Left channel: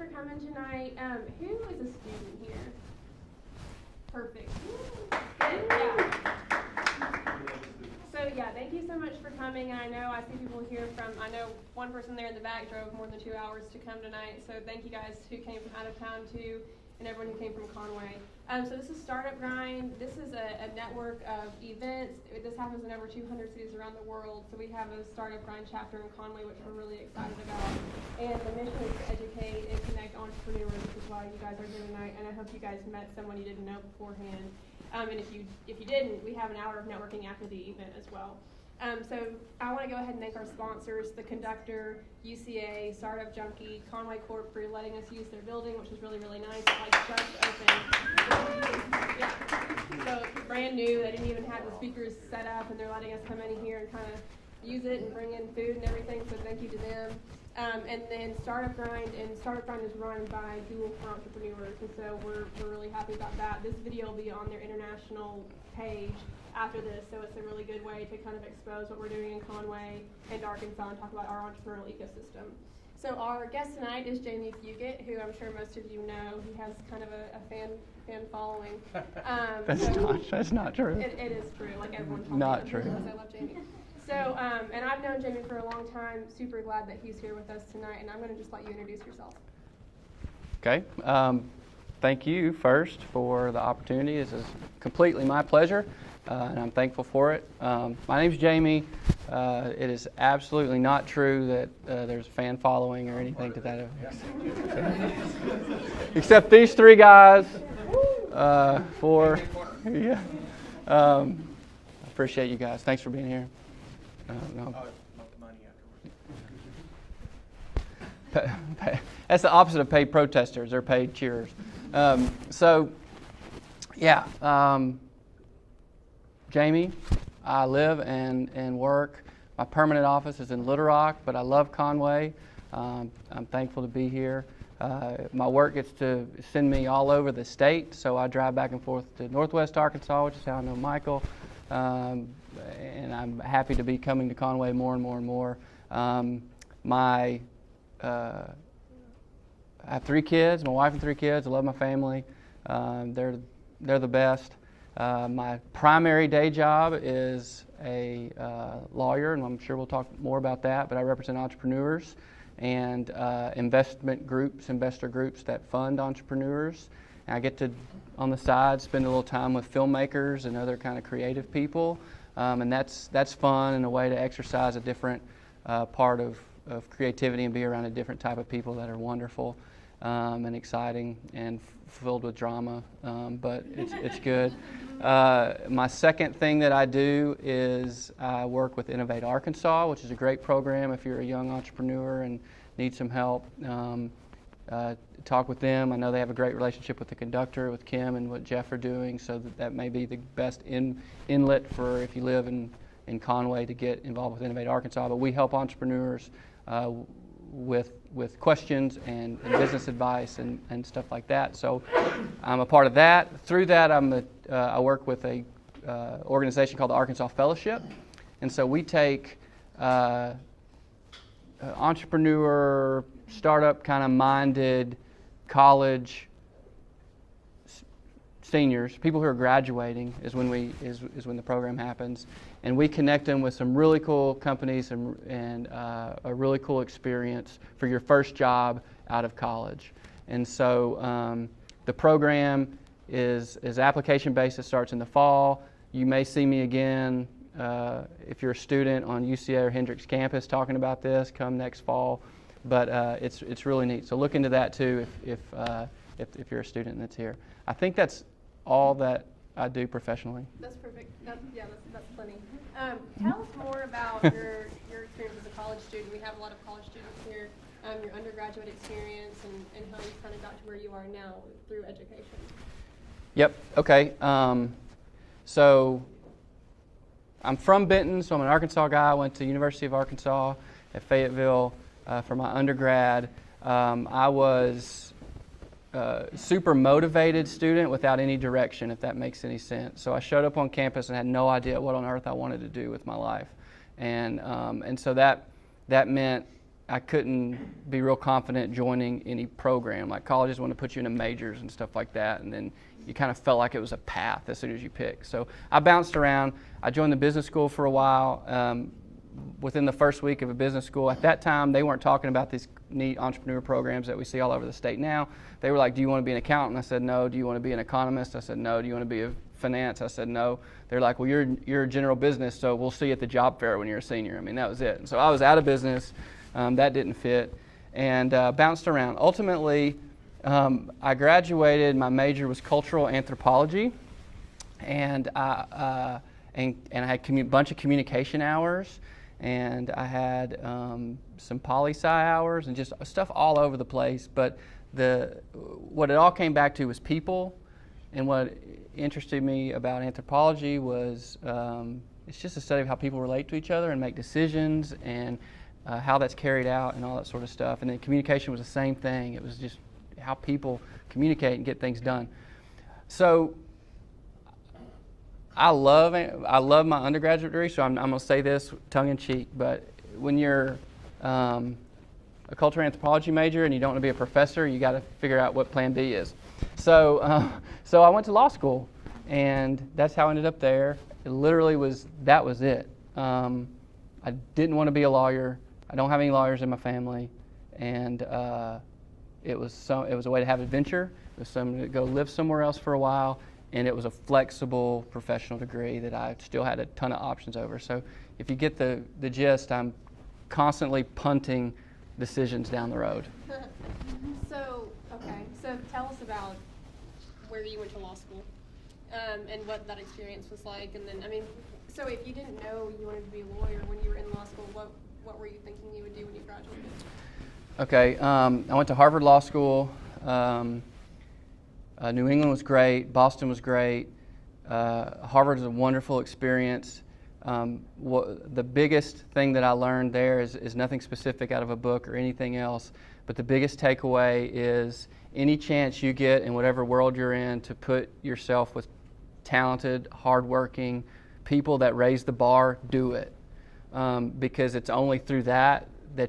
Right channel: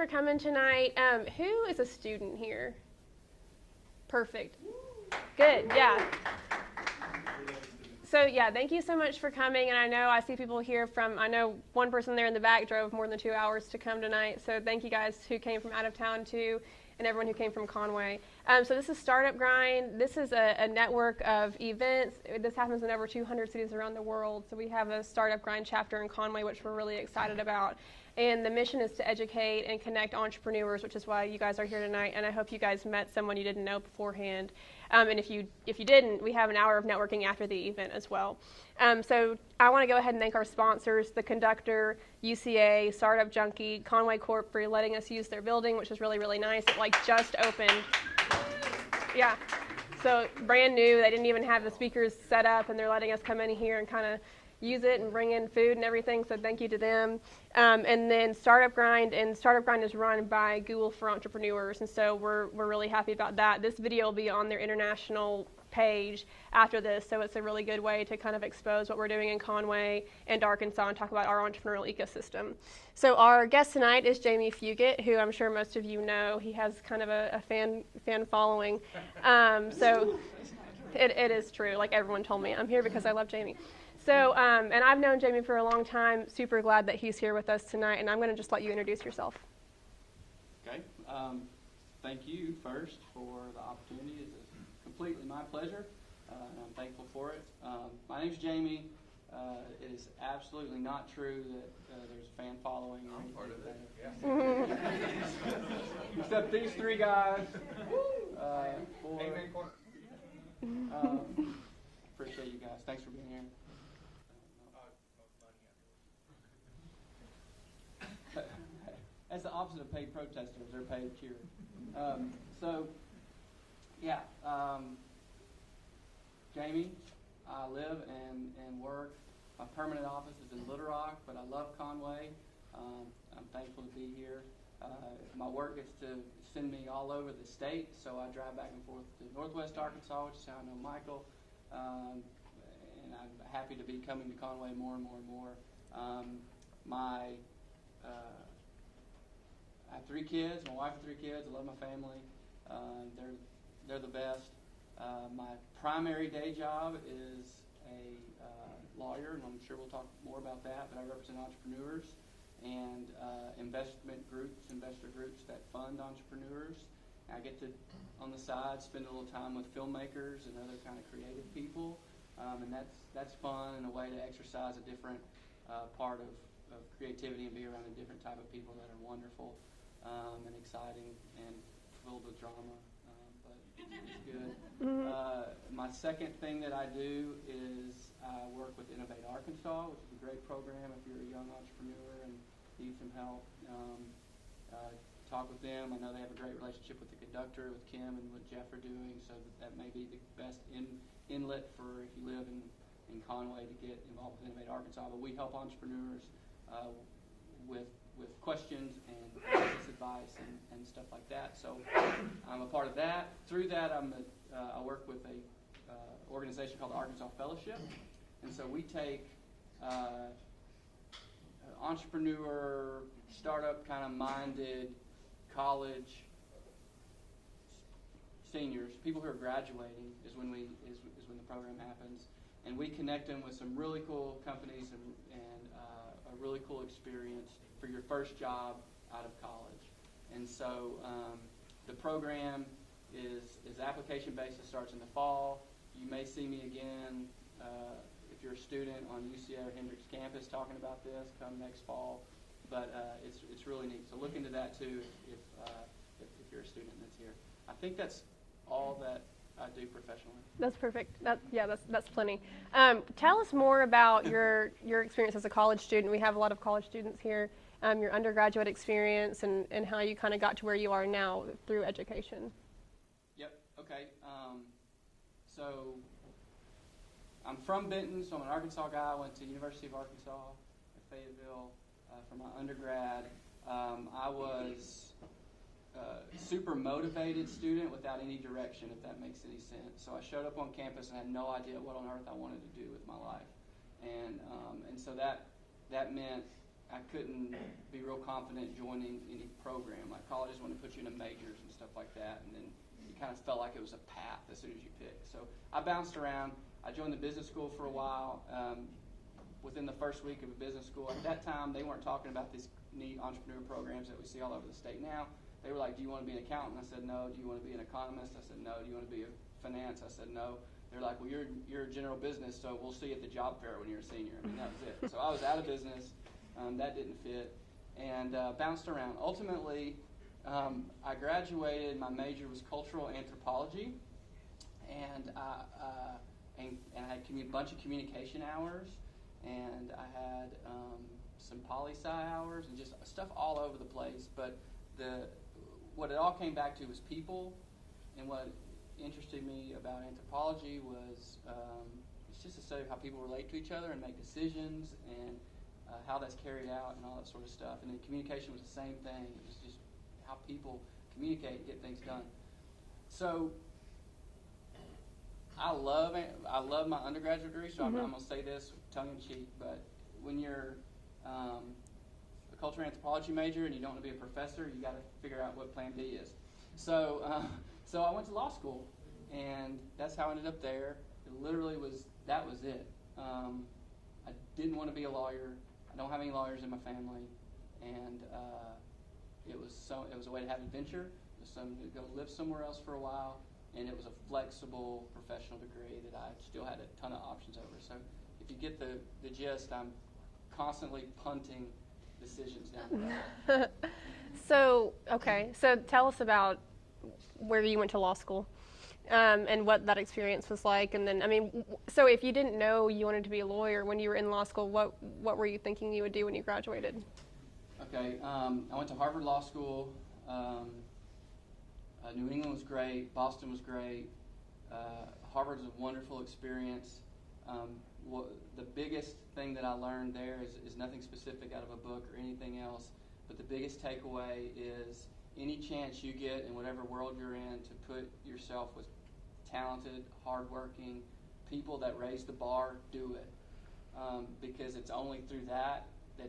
for coming tonight. Who is a student here? Perfect. Good, yeah. So yeah, thank you so much for coming, and I know I see people here I know one person there in the back drove more than 2 hours to come tonight, so thank you guys who came from out of town too, and everyone who came from Conway. So this is Startup Grind. This is a network of events. This happens in over 200 cities around the world, so we have a Startup Grind chapter in Conway, which we're really excited about. And the mission is to educate and connect entrepreneurs, which is why you guys are here tonight, and I hope you guys met someone you didn't know beforehand. And if you didn't, we have an hour of networking after the event as well. So I want to go ahead and thank our sponsors, the Conductor, UCA, Startup Junkie, Conway Corp for letting us use their building, which is really, really nice. It just opened. Yeah. So brand new. They didn't even have the speakers set up, and they're letting us come in here and kind of use it and bring in food and everything. So thank you to them. And then Startup Grind, and Startup Grind is run by Google for Entrepreneurs, and so we're really happy about that. This video will be on their international page after this, so it's a really good way to kind of expose what we're doing in Conway and Arkansas and talk about our entrepreneurial ecosystem. So our guest tonight is Jamie Fugitt, who I'm sure most of you know. He has kind of a fan following. That's not true. It is true. Like everyone told me, I'm true. here because I love Jamie. So, and I've known Jamie for a long time. Super glad that he's here with us tonight, and I'm going to just let you introduce yourself. Okay. Thank you first for the opportunity. This is completely my pleasure, and I'm thankful for it. My name's Jamie. It is absolutely not true that there's a fan following or anything to that effect. Except these three guys. Yeah. I appreciate you guys. Thanks for being here. No. That's the opposite of paid protesters. They're paid cheerers. Jamie, I live and work. My permanent office is in Little Rock, but I love Conway. I'm thankful to be here. My work gets to send me all over the state, so I drive back and forth to Northwest Arkansas, which is how I know Michael. And I'm happy to be coming to Conway more and more and more. I have 3 kids, my wife and 3 kids. I love my family. They're the best. My primary day job is a lawyer, and I'm sure we'll talk more about that, but I represent entrepreneurs and investor groups that fund entrepreneurs. And I get to, on the side, spend a little time with filmmakers and other kind of creative people. And that's fun and a way to exercise a different part of creativity and be around a different type of people that are wonderful and exciting and filled with drama, but it's good. My second thing that I do is I work with Innovate Arkansas, which is a great program if you're a young entrepreneur and need some help. Talk with them. I know they have a great relationship with the Conductor, with Kim and what Jeff are doing, so that may be the best inlet for if you live in Conway to get involved with Innovate Arkansas. But we help entrepreneurs with questions and business advice and stuff like that. So I'm a part of that. Through that, I work with a organization called the Arkansas Fellowship, and so we take entrepreneur, startup kind of minded college seniors, people who are graduating is when the program happens, and we connect them with some really cool companies and a really cool experience for your first job out of college. And so the program is application based. It starts in the fall. You may see me again if you're a student on UCA or Hendricks campus talking about this. Come next fall. But it's really neat. So look into that too if you're a student that's here. I think that's all that I do professionally. That's perfect. That's plenty. Tell us more about your experience as a college student. We have a lot of college students here. Your undergraduate experience and how you kind of got to where you are now through education. Yep. Okay. So I'm from Benton, so I'm an Arkansas guy. I went to University of Arkansas at Fayetteville for my undergrad. I was a super motivated student without any direction, if that makes any sense. So I showed up on campus and had no idea what on earth I wanted to do with my life. And so that meant I couldn't be real confident joining any program. Like colleges want to put you into majors and stuff like that, and then you kind of felt like it was a path as soon as you pick. So I bounced around. I joined the business school for a while. Within the first week of a business school, at that time, they weren't talking about these neat entrepreneur programs that we see all over the state now. They were like, do you want to be an accountant? I said, no. Do you want to be an economist? I said, no. Do you want to be a finance? I said, no. They're like, well, you're a general business, so we'll see you at the job fair when you're a senior. I mean, that was it. And so I was out of business. That didn't fit, and bounced around. Ultimately, I graduated. My major was cultural anthropology, and I had a bunch of communication hours, and I had some poli-sci hours, and just stuff all over the place. But what it all came back to was people, and what interested me about anthropology was it's just a study of how people relate to each other and make decisions, and how that's carried out and all that sort of stuff. And then communication was the same thing. It was just how people communicate and get things done. So I love my undergraduate degree, so I'm going to say this tongue-in-cheek, but when you're a cultural anthropology major and you don't want to be a professor, you got to figure out what plan B is. So I went to law school, and that's how I ended up there. It literally that was it. I didn't want to be a lawyer. I don't have any lawyers in my family, and it was a way to have adventure. It was something to go live somewhere else for a while, and it was a flexible professional degree that I still had a ton of options over. So if you get the gist, I'm constantly punting decisions down the road. So tell us about where you went to law school. And what that experience was like, and then, I mean, so if you didn't know you wanted to be a lawyer when you were in law school, what were you thinking you would do when you graduated? Okay, I went to Harvard Law School. New England was great. Boston was great. Harvard was a wonderful experience. The biggest thing that I learned there is nothing specific out of a book or anything else, but the biggest takeaway is any chance you get in whatever world you're in to put yourself with talented, hardworking people that raise the bar, do it. Because it's only through that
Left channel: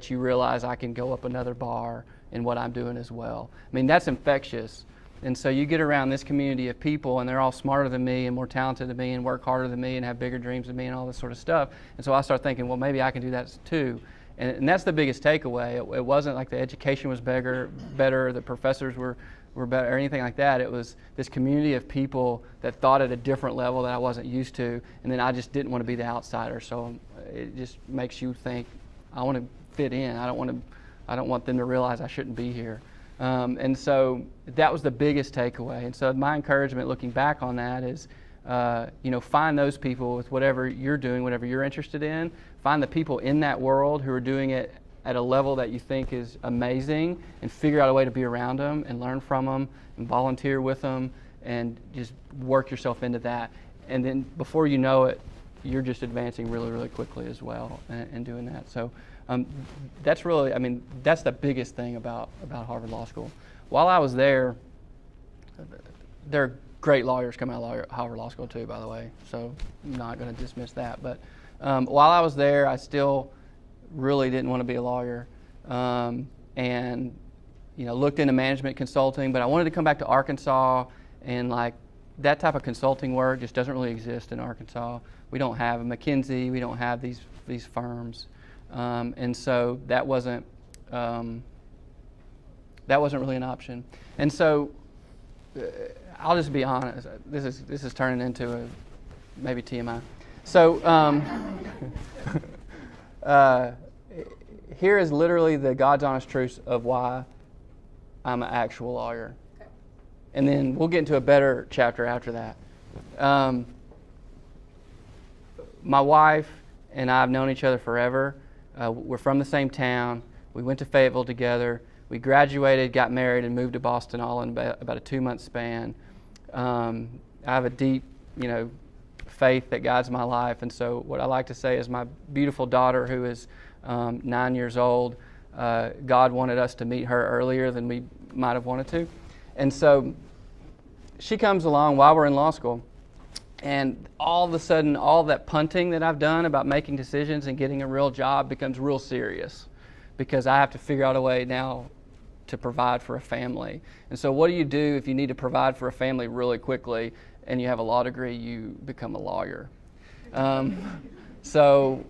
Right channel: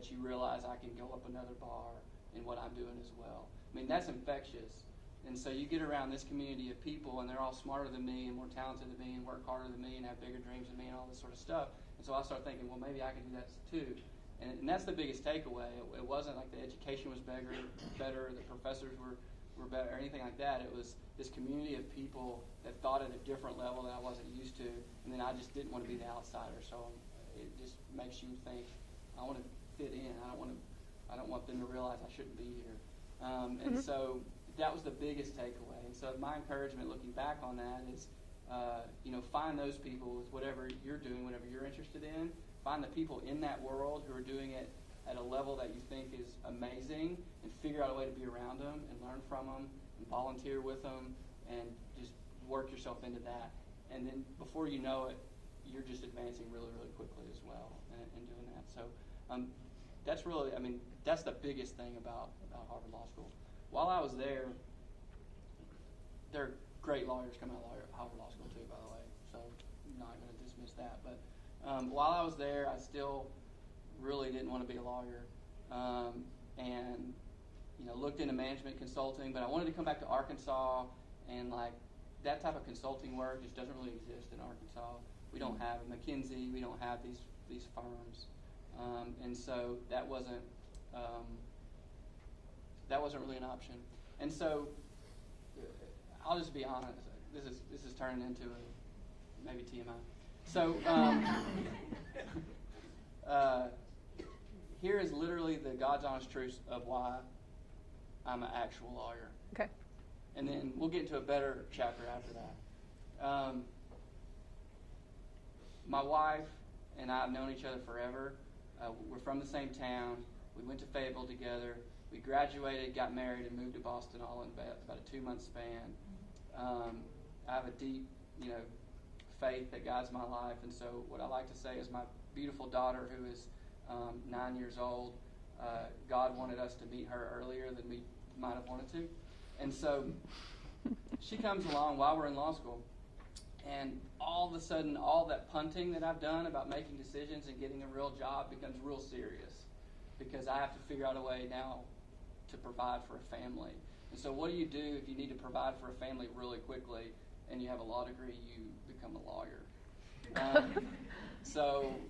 you realize I can go up another bar in what I'm doing as well. I mean, that's infectious. And so you get around this community of people, and they're all smarter than me and more talented than me and work harder than me and have bigger dreams than me and all this sort of stuff. And so I start thinking, well, maybe I can do that too. And that's the biggest takeaway. It wasn't like the education was better, the professors were better, or anything like that. It was this community of people that thought at a different level that I wasn't used to, and then I just didn't want to be the outsider. So it just makes you think, I want to fit in. I don't want them to realize I shouldn't be here. And so that was the biggest takeaway. And so my encouragement looking back on that is, find those people with whatever you're doing, whatever you're interested in. Find the people in that world who are doing it at a level that you think is amazing, and figure out a way to be around them and learn from them and volunteer with them and just work yourself into that. And then before you know it, you're just advancing really, really quickly as well and doing that. So that's really, that's the biggest thing about Harvard Law School. While I was there are great lawyers come out of Harvard Law School too, by the way, so I'm not going to dismiss that. But while I was there, I still really didn't want to be a lawyer, and looked into management consulting, but I wanted to come back to Arkansas, and like that type of consulting work just doesn't really exist in Arkansas. We don't have a McKinsey, we don't have these firms, and so that wasn't really an option. And so I'll just be honest. This is turning into maybe TMI. So here is literally the God's honest truth of why I'm an actual lawyer. Okay. And then we'll get into a better chapter after that. My wife and I have known each other forever. We're from the same town. We went to Fayetteville together. We graduated, got married, and moved to Boston all in about a 2-month span. I have a deep, faith that guides my life, and so what I like to say is my beautiful daughter, who is 9 years old, God wanted us to meet her earlier than we might have wanted to, and so she comes along while we're in law school, and all of a sudden, all that punting that I've done about making decisions and getting a real job becomes real serious. because I have to figure out a way now to provide for a family. And so what do you do if you need to provide for a family really quickly and you have a law degree? You become a lawyer. So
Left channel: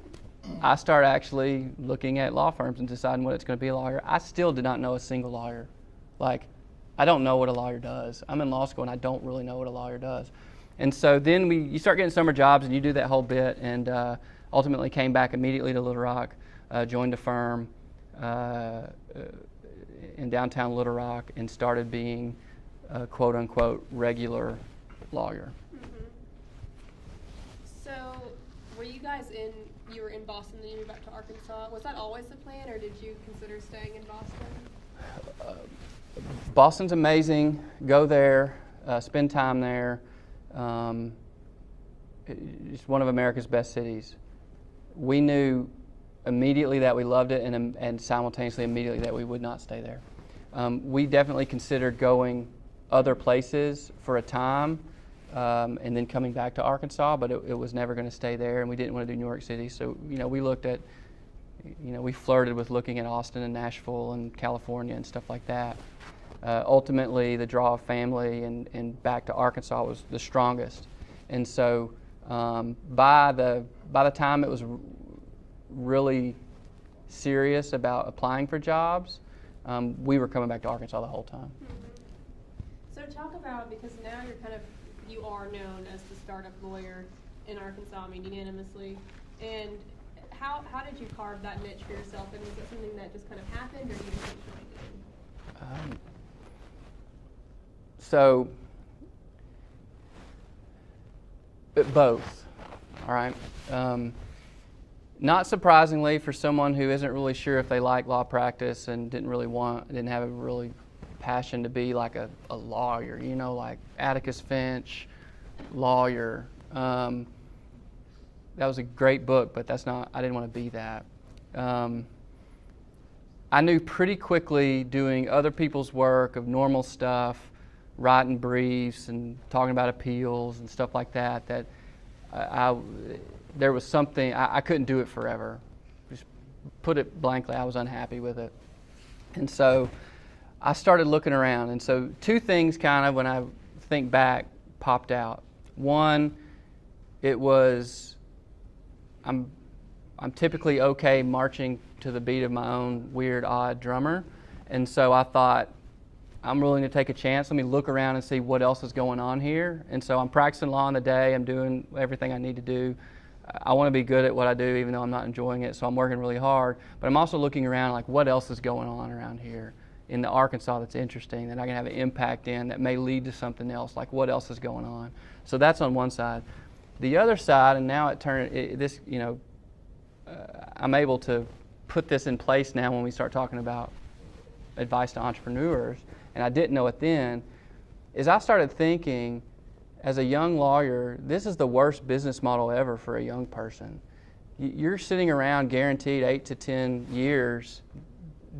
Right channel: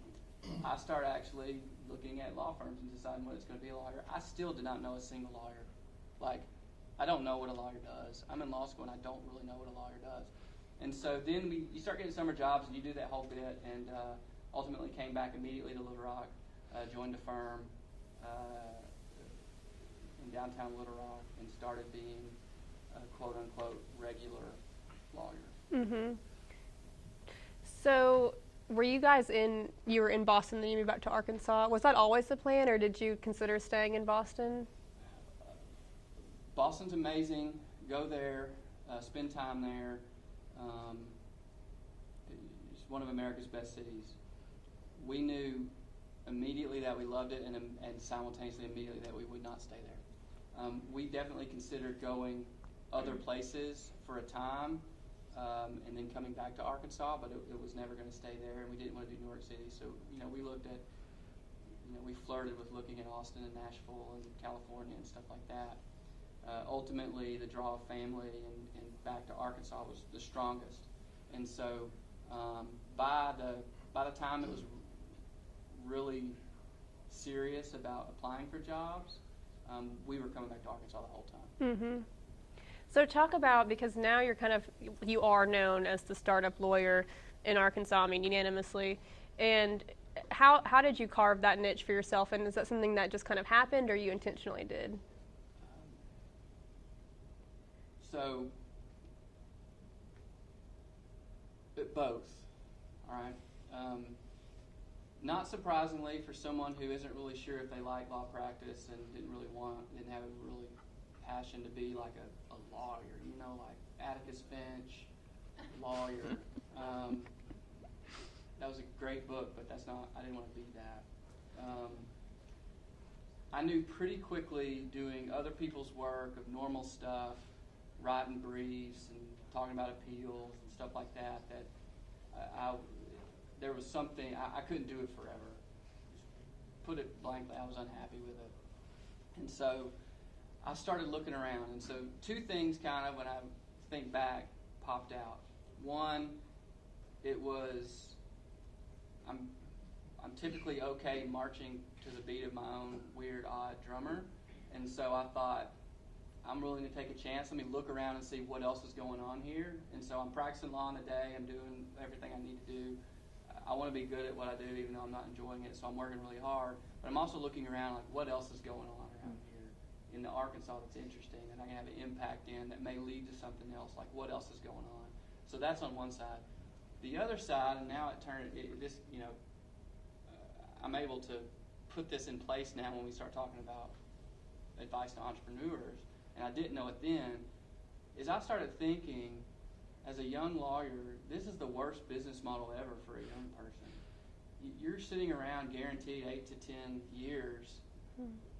I start actually looking at law firms and deciding what it's going to be a lawyer. I still did not know a single lawyer. Like, I don't know what a lawyer does. I'm in law school and I don't really know what a lawyer does. And so then you start getting summer jobs and you do that whole bit, and ultimately came back immediately to Little Rock, joined a firm in downtown Little Rock, and started being a quote unquote regular lawyer. Mm-hmm. So were you guys you were in Boston, then you moved back to Arkansas. Was that always the plan, or did you consider staying in Boston? Boston's amazing. Go there, spend time there. It's one of America's best cities. We knew immediately that we loved it, and simultaneously immediately that we would not stay there. We definitely considered going other places for a time, and then coming back to Arkansas, but it was never going to stay there, and we didn't want to do New York City. So, we looked at, we flirted with looking at Austin and Nashville and California and stuff like that. Ultimately, the draw of family and back to Arkansas was the strongest. And so by the time it was really serious about applying for jobs, we were coming back to Arkansas the whole time. Mm-hmm. So talk about, because now you are known as the startup lawyer in Arkansas, unanimously. And how did you carve that niche for yourself? And is that something that just kind of happened, or you intentionally did? So, both, all right? Not surprisingly, for someone who isn't really sure if they like law practice and didn't have a really passion to be like a lawyer, like Atticus Finch, lawyer. That was a great book, but I didn't want to be that. I knew pretty quickly, doing other people's work of normal stuff, writing briefs and talking about appeals and stuff like that, that there was something, I couldn't do it forever. Just put it blankly, I was unhappy with it. And so I started looking around. And so two things kind of, when I think back, popped out. One, it was, I'm typically okay marching to the beat of my own weird, odd drummer. And so I thought, I'm willing to take a chance. Let me look around and see what else is going on here. And so I'm practicing law in the day. I'm doing everything I need to do. I want to be good at what I do, even though I'm not enjoying it. So I'm working really hard. But I'm also looking around, like, what else is going on around here in the Arkansas that's interesting, that I can have an impact in, that may lead to something else. Like, what else is going on? So that's on one side. The other side, and now I'm able to put this in place now when we start talking about advice to entrepreneurs, and I didn't know it then, is I started thinking, as a young lawyer, this is the worst business model ever for a young person. You're sitting around guaranteed 8 to 10 years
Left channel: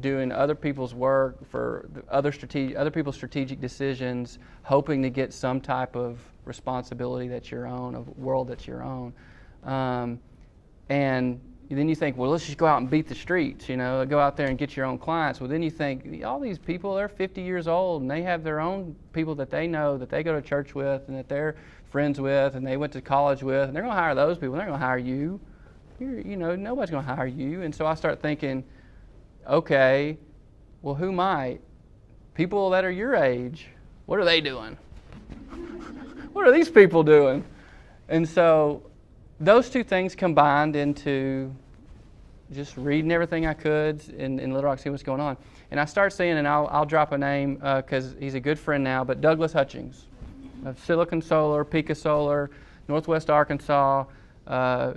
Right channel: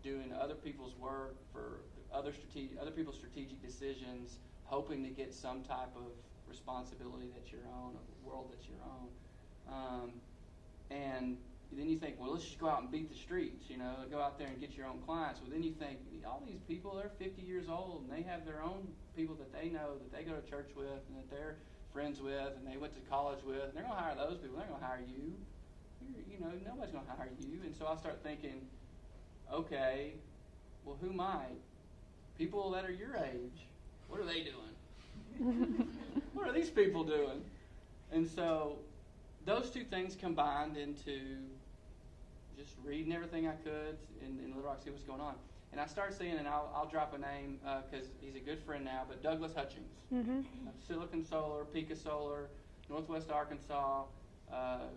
doing other people's work for other people's strategic decisions, hoping to get some type of responsibility that's your own, a world that's your own. And then you think, well, let's just go out and beat the streets, go out there and get your own clients. Well, then you think, all these people, they're 50 years old, and they have their own people that they know, that they go to church with, and that they're friends with, and they went to college with, and they're going to hire those people. They're going to hire you. Nobody's going to hire you. And so I start thinking, okay, well, who might? People that are your age, what are they doing? What are these people doing? And so those two things combined into just reading everything I could in Little Rock, see what's going on. And I start seeing, and I'll drop a name because he's a good friend now, but Douglas Hutchings, of Silicon Solar, Pica Solar, Northwest Arkansas,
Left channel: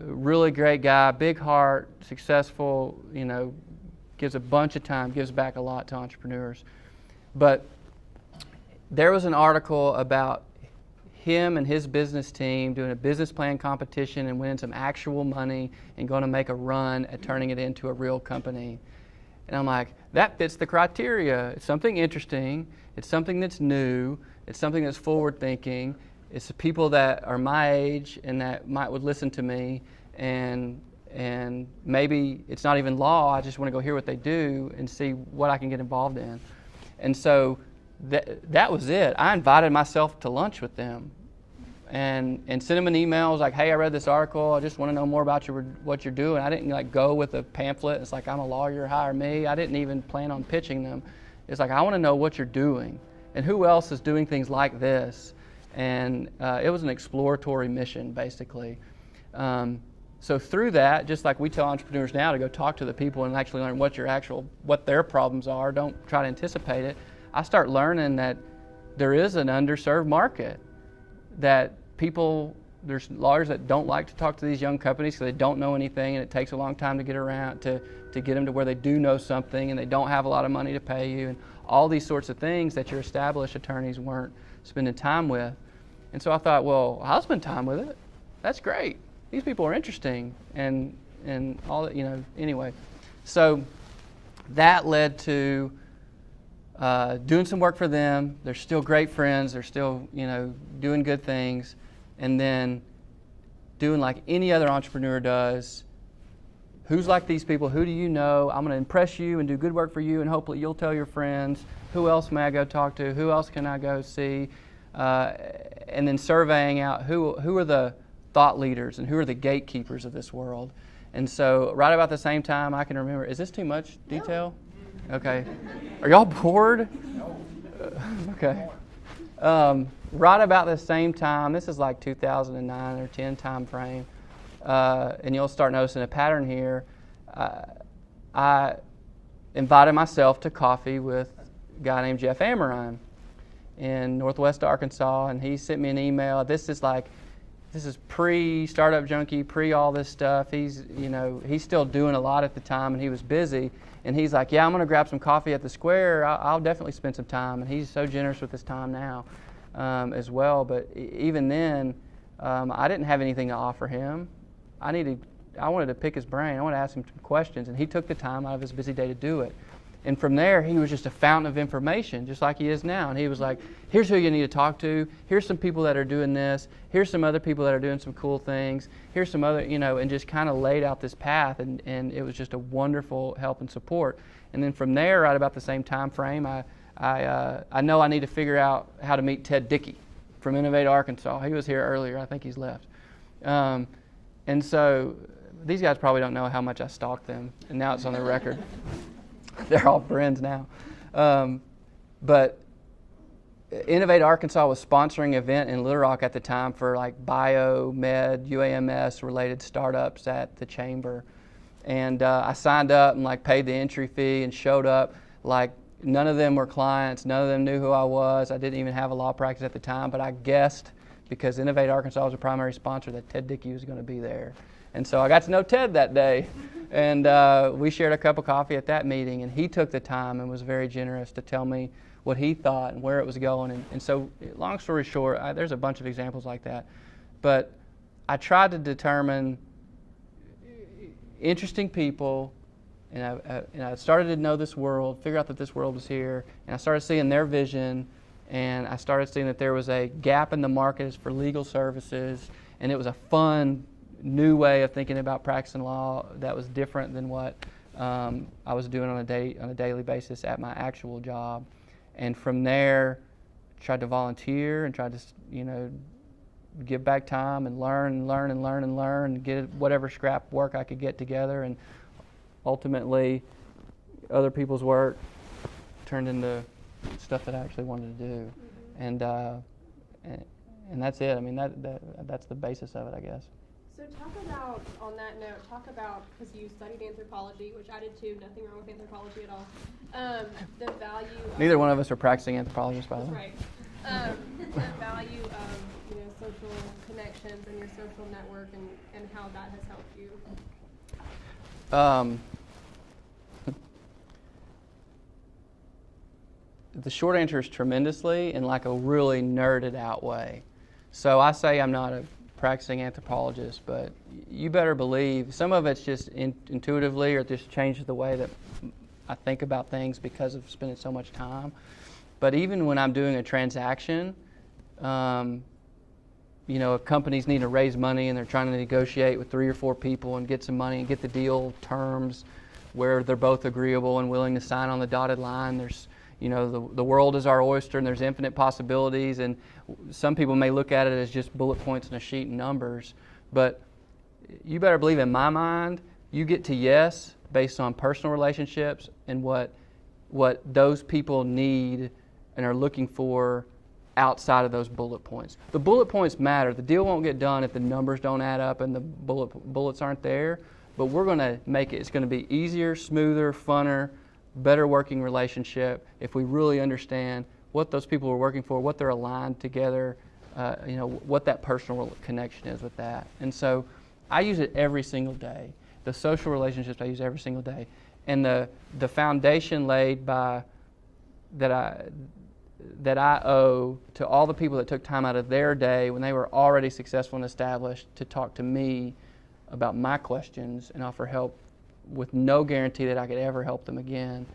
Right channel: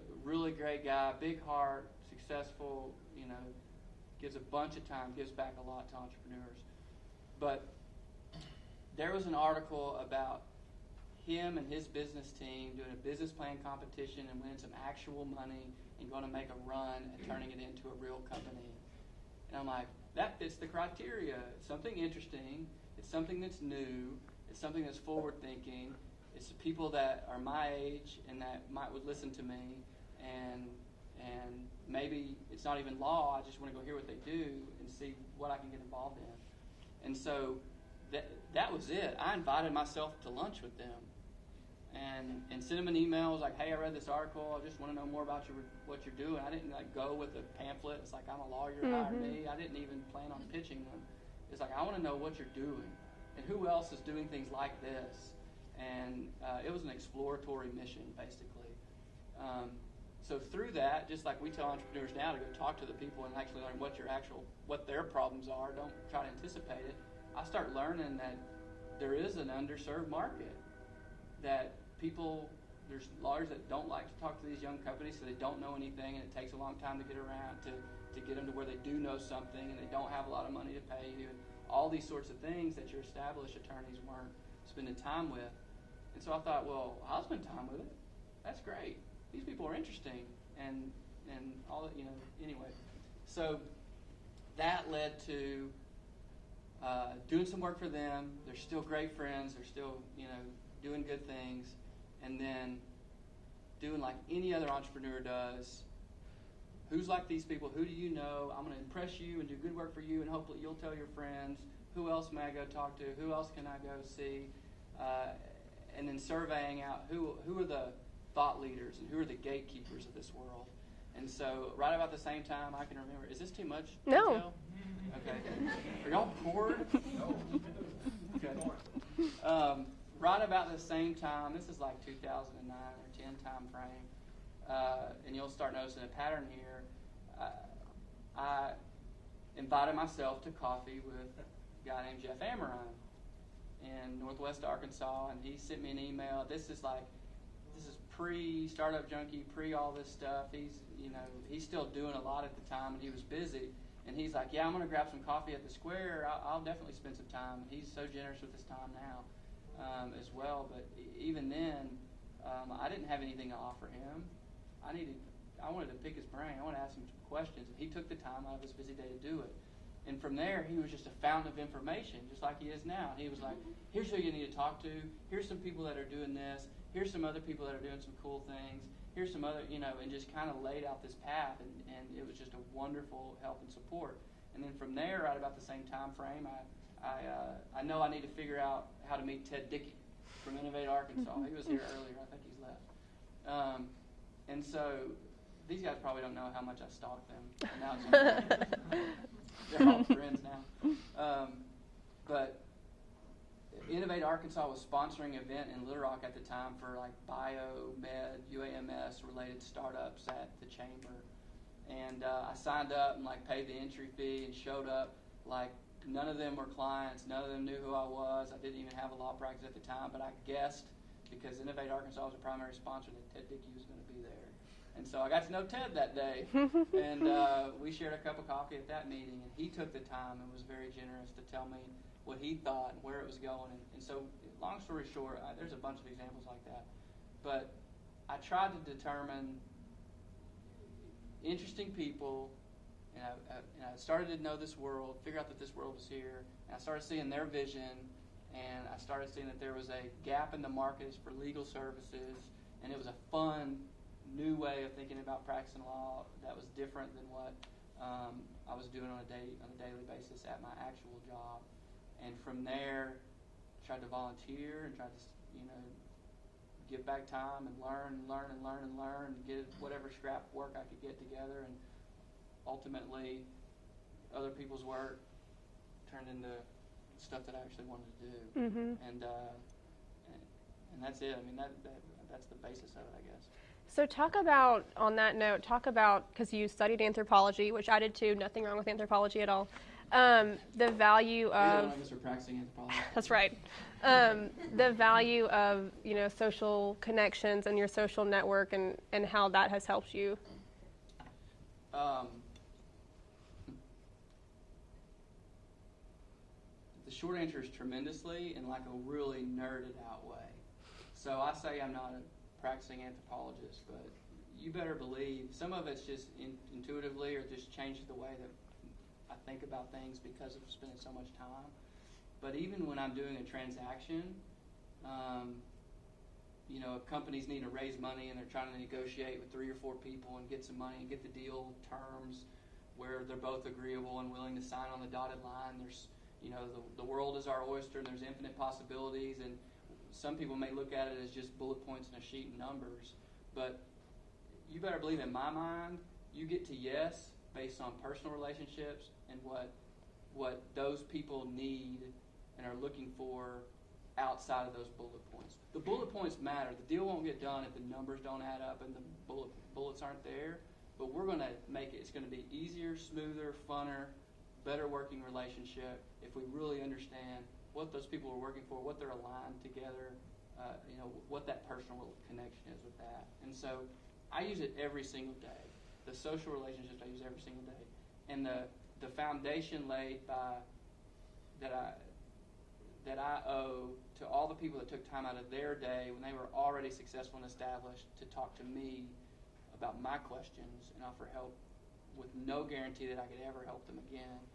really great guy, big heart, successful, gives a bunch of time, gives back a lot to entrepreneurs. But there was an article about him and his business team doing a business plan competition and winning some actual money and going to make a run at turning it into a real company. And I'm like, that fits the criteria. It's something interesting. It's something that's new. It's something that's forward thinking. It's the people that are my age and that would listen to me. And and maybe it's not even law. I just want to go hear what they do and see what I can get involved in. And so that was it. I invited myself to lunch with them and sent them an email. I was like, hey, I read this article. I just want to know more about what you're doing. I didn't like go with a pamphlet. It's like, I'm a lawyer, hire me. I didn't even plan on pitching them. It's like, I want to know what you're doing and who else is doing things like this. And it was an exploratory mission, basically. So through that, just like we tell entrepreneurs now to go talk to the people and actually learn what their problems are, don't try to anticipate it. I start learning that there is an underserved market, that there's lawyers that don't like to talk to these young companies because they don't know anything, and it takes a long time to get around to get them to where they do know something, and they don't have a lot of money to pay you, and all these sorts of things that your established attorneys weren't spending time with. And so I thought, well, I'll spend time with it. That's great. These people are interesting, and all that, anyway. So that led to doing some work for them. They're still great friends. They're still, doing good things. And then doing like any other entrepreneur does. Who's like these people? Who do you know? I'm going to impress you and do good work for you, and hopefully you'll tell your friends. Who else may I go talk to? Who else can I go see? And then surveying out who are the thought leaders and who are the gatekeepers of this world. And so right about the same time, I can remember, is this too much detail? No. Okay. Are y'all bored? No. Okay. Right about the same time, this is like 2009 or 10 time frame, and you'll start noticing a pattern here. I invited myself to coffee with a guy named Jeff Ammerine in Northwest Arkansas, and he sent me an email. This is pre-Startup Junkie, pre-all this stuff. He's still doing a lot at the time, and he was busy. And he's like, yeah, I'm going to grab some coffee at the Square. I'll definitely spend some time. And he's so generous with his time now as well. But even then, I didn't have anything to offer him. I wanted to pick his brain. I wanted to ask him some questions. And he took the time out of his busy day to do it. And from there, he was just a fountain of information, just like he is now. And he was like, here's who you need to talk to. Here's some people that are doing this. Here's some other people that are doing some cool things. Here's some other, and just kind of laid out this path. And it was just a wonderful help and support. And then from there, right about the same time frame, I know I need to figure out how to meet Ted Dickey from Innovate Arkansas. He was here earlier. I think he's left. And so these guys probably don't know how much I stalked them. And now it's on the record. They're all friends now. But Innovate Arkansas was sponsoring an event in Little Rock at the time for like bio, med, UAMS related startups at the chamber. And I signed up and like paid the entry fee and showed up. Like none of them were clients. None of them knew who I was. I didn't even have a law practice at the time, but I guessed, because Innovate Arkansas was a primary sponsor, that Ted Dickey was going to be there. And so I got to know Ted that day, and we shared a cup of coffee at that meeting, and he took the time and was very generous to tell me what he thought and where it was going. And so long story short, there's a bunch of examples like that. But I tried to determine interesting people, and I started to know this world, figure out that this world was here, and I started seeing their vision, and I started seeing that there was a gap in the market for legal services, and it was a fun, new way of thinking about practicing law that was different than what I was doing on a daily basis at my actual job. And from there, tried to volunteer and tried to, give back time and learn, and get whatever scrap work I could get together. And ultimately, other people's work turned into stuff that I actually wanted to do. Mm-hmm. And that's it. I mean, that's the basis of it, I guess. So on that note, because you studied anthropology, which I did too, nothing wrong with anthropology at all, the value of... Neither one of us are practicing anthropologists, by the way. That's right. The value of, social connections and your social network and how that has helped you. The short answer is tremendously, in like a really nerded out way. So I say I'm not a practicing anthropologist, but you better believe some of it's just intuitively, or just changes the way that I think about things because of spending so much time. But even when I'm doing a transaction, companies need to raise money and they're trying to negotiate with 3 or 4 people and get some money and get the deal terms where they're both agreeable and willing to sign on the dotted line. There's, the world is our oyster and there's infinite possibilities, and some people may look at it as just bullet points in a sheet and numbers, but you better believe in my mind, you get to yes based on personal relationships and what those people need and are looking for outside of those bullet points. The bullet points matter. The deal won't get done if the numbers don't add up and the bullets aren't there, but we're going to make it. It's going to be easier, smoother, funner, better working relationship if we really understand what those people are working for, what they're aligned together, what that personal connection is with that. And so I use it every single day. The social relationships I use every single day. And the foundation laid by that I owe to all the people that took time out of their day when they were already successful and established to talk to me about my questions and offer help with no guarantee that I could ever help them again.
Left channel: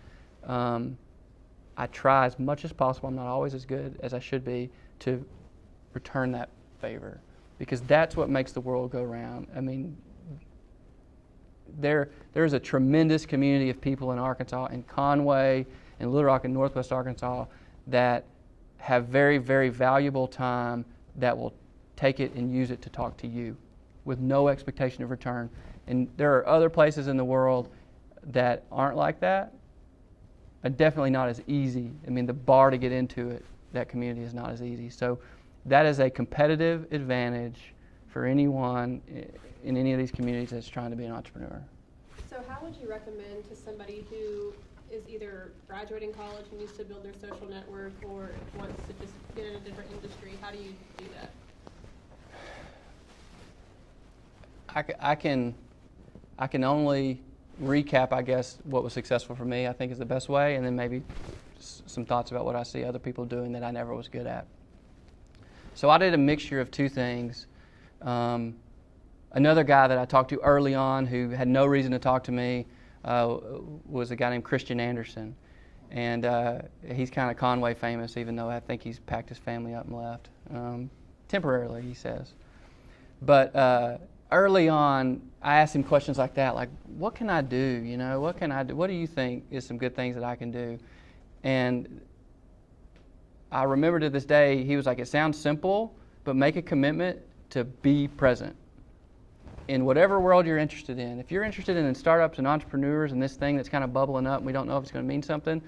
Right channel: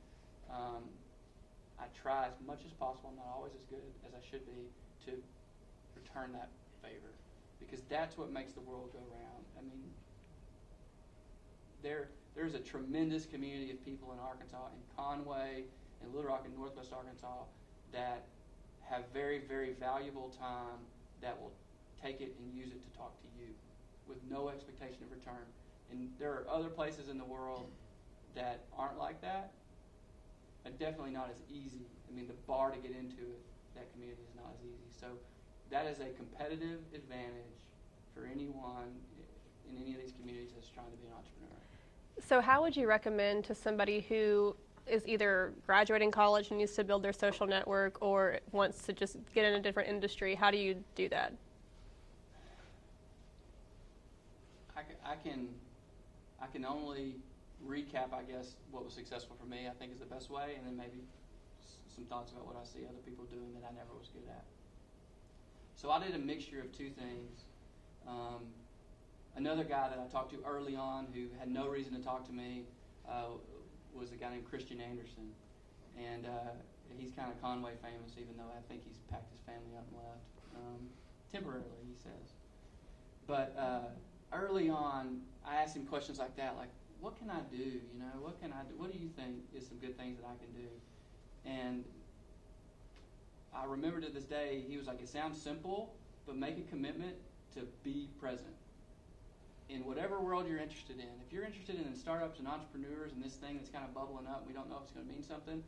I try as much as possible, I'm not always as good as I should be, to return that favor, because that's what makes the world go round. I mean, there's a tremendous community of people in Arkansas, in Conway, in Little Rock, and Northwest Arkansas, that have very, very valuable time that will take it and use it to talk to you with no expectation of return. And there are other places in the world that aren't like that, and definitely not as easy. I mean, the bar to get into it, that community, is not as easy. So that is a competitive advantage for anyone in any of these communities that's trying to be an entrepreneur. So how would you recommend to somebody who is either graduating college and needs to build their social network or wants to just get in a different industry? How do you do that? I can only recap, I guess, what was successful for me, I think is the best way, and then maybe some thoughts about what I see other people doing that I never was good at. So I did a mixture of 2 things. Another guy that I talked to early on who had no reason to talk to me was a guy named Christian Anderson. And he's kind of Conway famous, even though I think he's packed his family up and left. Temporarily, he says. But early on, I asked him questions like that, like, what can I do? What can I do? What do you think is some good things that I can do? And I remember to this day, he was like, it sounds simple, but make a commitment to be present in whatever world you're interested in. If you're interested in startups and entrepreneurs and this thing that's kind of bubbling up and we don't know if it's going to mean something,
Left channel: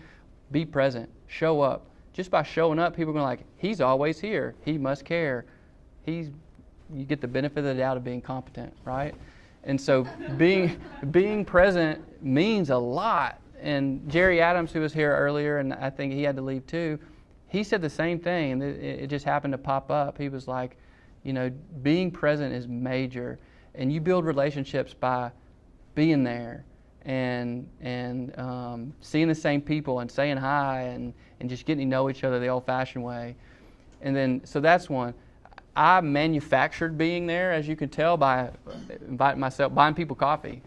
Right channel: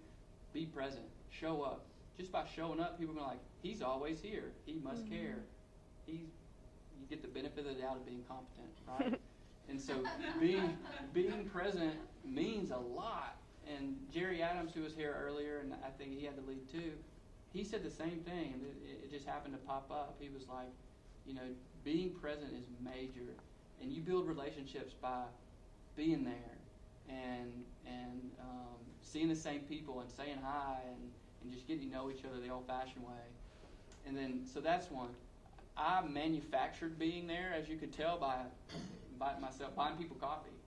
be present. Show up. Just by showing up, people are going to like, he's always here. He must care. You get the benefit of the doubt of being competent, right? And so being present means a lot. And Jerry Adams, who was here earlier, and I think he had to leave too, he said the same thing, and it just happened to pop up. He was like, being present is major. And you build relationships by being there and seeing the same people and saying hi and just getting to know each other the old-fashioned way. And then, so that's one. I manufactured being there, as you can tell, by buying people coffee,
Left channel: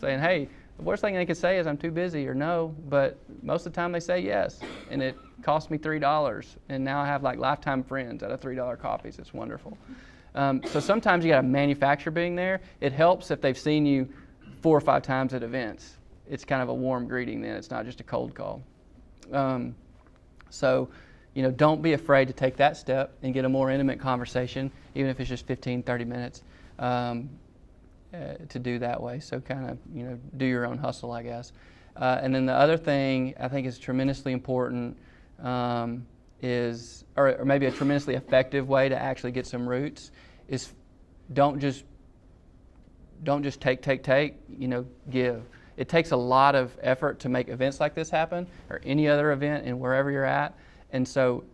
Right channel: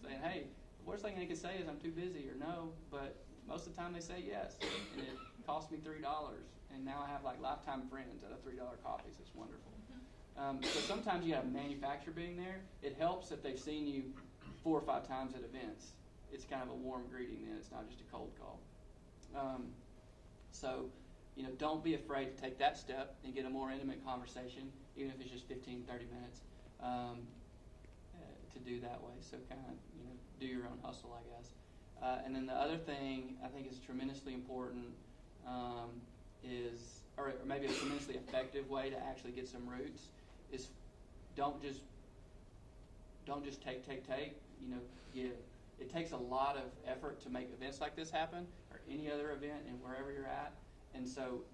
saying, hey, the worst thing they can say is I'm too busy or no, but most of the time they say yes. And it cost me $3, and now I have like lifetime friends out of $3 coffees. It's wonderful. So sometimes you got to manufacture being there. It helps if they've seen you 4 or 5 times at events. It's kind of a warm greeting then. It's not just a cold call. So, don't be afraid to take that step and get a more intimate conversation, even if it's just 15, 30 minutes to do that way. So kind of, do your own hustle, I guess. And then the other thing I think is tremendously important is, or maybe a tremendously effective way to actually get some roots, is don't just take, give. It takes a lot of effort to make events like this happen, or any other event in wherever you're at. And so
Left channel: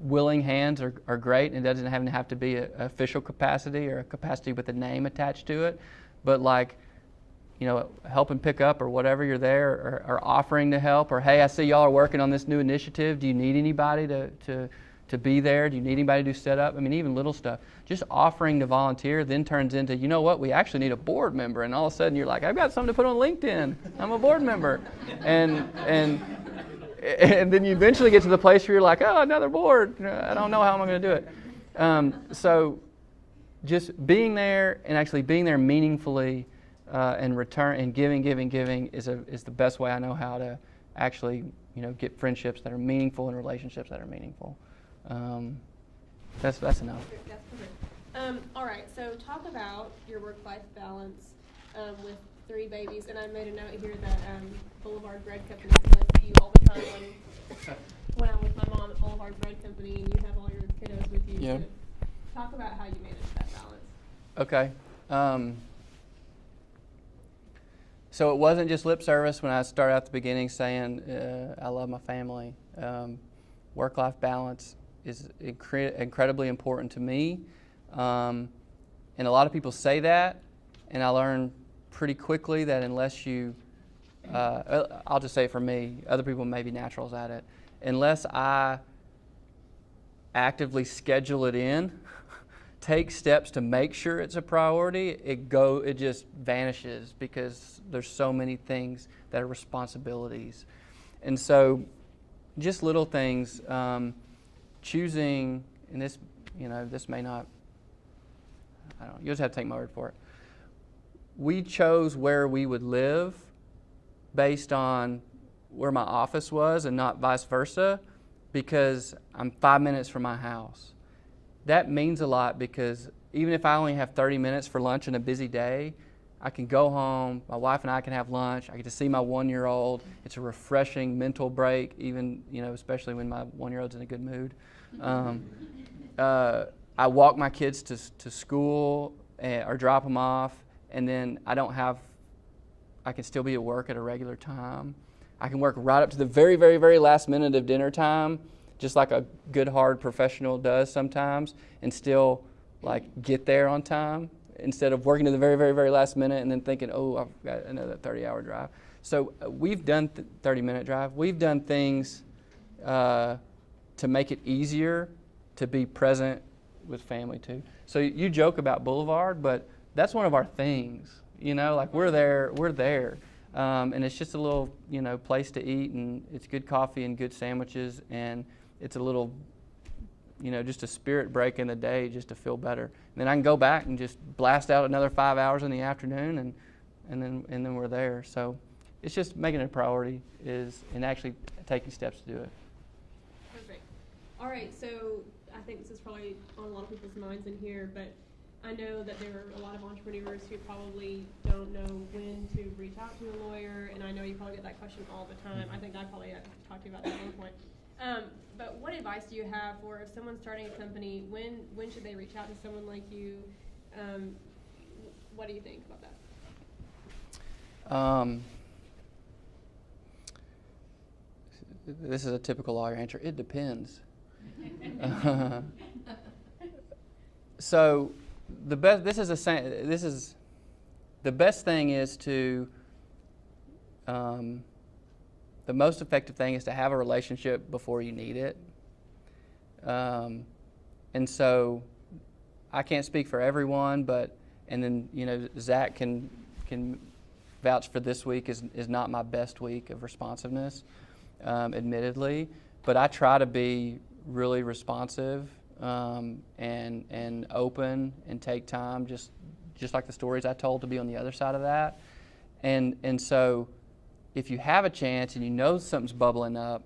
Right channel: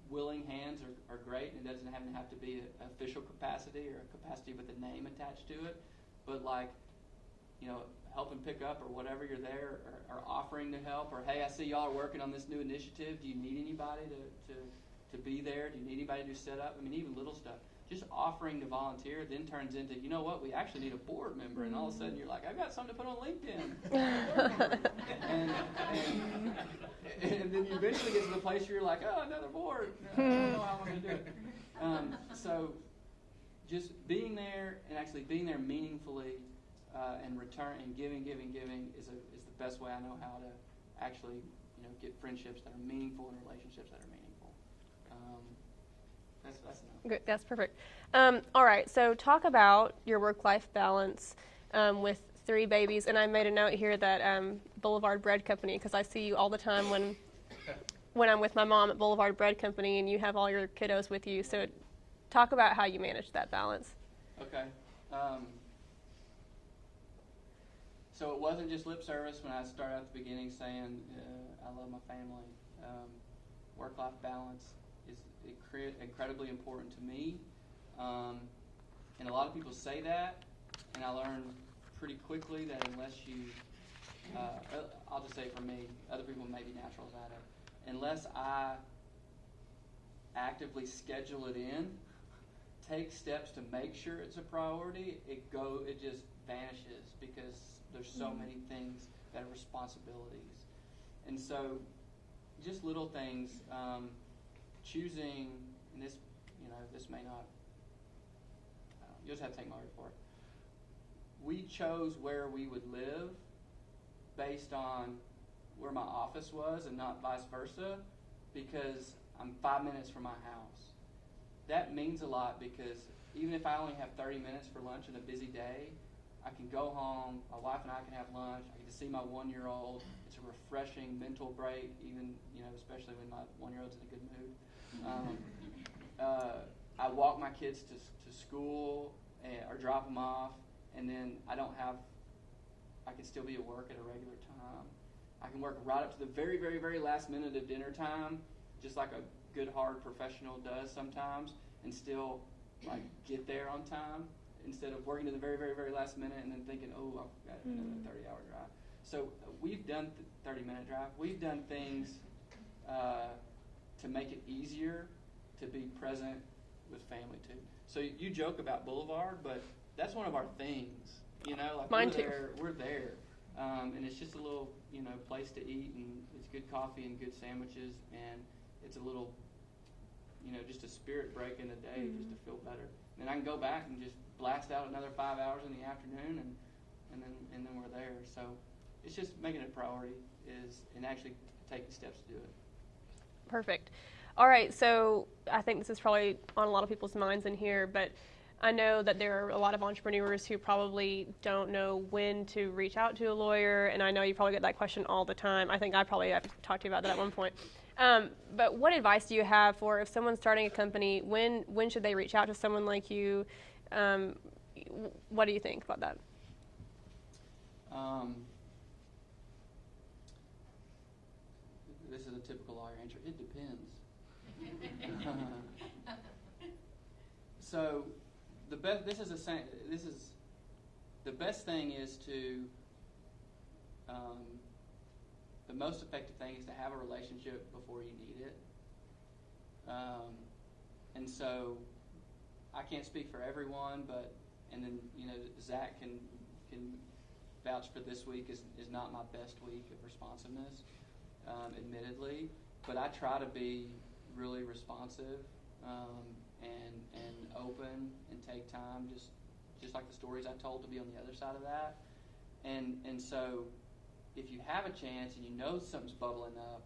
willing hands are great, and it doesn't have to be an official capacity or a capacity with a name attached to it. But like, helping pick up or whatever you're there, or offering to help, or hey, I see y'all are working on this new initiative. Do you need anybody to be there? Do you need anybody to do setup? I mean, even little stuff. Just offering to volunteer then turns into, we actually need a board member. And all of a sudden you're like, I've got something to put on LinkedIn. I'm a board member. And then you eventually get to the place where you're like, oh, another board. I don't know how I'm going to do it. So just being there and actually being there meaningfully and return and giving is the best way I know how to actually, get friendships that are meaningful and relationships that are meaningful. That's enough. Okay, that's perfect. All right, so talk about your work-life balance with 3 babies, and I made a note here that Boulevard Bread Company, because I see you all the time when I'm with my mom at Boulevard Bread Company, and you have all your kiddos with you. Yeah. So talk about how you manage that balance. Okay. So it wasn't just lip service when I started at the beginning saying I love my family. Work-life balance is incredibly important to me. And a lot of people say that, and I learned pretty quickly that unless you, I'll just say for me, other people may be naturals at it, unless I actively schedule it in, take steps to make sure it's a priority, it just vanishes because there's so many things that are responsibilities. And so just little things, choosing, and this, this may not, I don't know, you'll just have to take my word for it. We chose where we would live based on where my office was and not vice versa, because I'm 5 minutes from my house. That means a lot because even if I only have 30 minutes for lunch in a busy day, I can go home, my wife and I can have lunch, I get to see my 1-year-old. It's a refreshing mental break, even, especially when my 1-year-old's in a good mood. I walk my kids to school or drop them off, and then I can still be at work at a regular time. I can work right up to the very, very, very last minute of dinner time, just like a good, hard professional does sometimes, and still get there on time instead of working to the very, very, very last minute and then thinking, oh, I've got another 30-hour drive. So we've done 30-minute drive. We've done things to make it easier to be present with family too. So you joke about Boulevard, but that's one of our things. We're there. And it's just a little, place to eat, and it's good coffee and good sandwiches, and it's a little, just a spirit break in the day just to feel better. And then I can go back and just blast out another 5 hours in the afternoon, and then we're there. So it's just making it a priority and actually taking steps to do it. Perfect. All right, so I think this is probably on a lot of people's minds in here, but I know that there are a lot of entrepreneurs who probably don't know when to reach out to a lawyer, and I know you probably get that question all the time. I think I've talked to you about that at one point. But what advice do you have for if someone's starting a company, when should they reach out to someone like you? What do you think about that? This is a typical lawyer answer. It depends. So the best thing is to the most effective thing is to have a relationship before you need it. And so I can't speak for everyone, and then Zach can vouch for this week is not my best week of responsiveness, admittedly, but I try to be really responsive and open and take time, just like the stories I told, to be on the other side of that. And so if you have a chance and something's bubbling up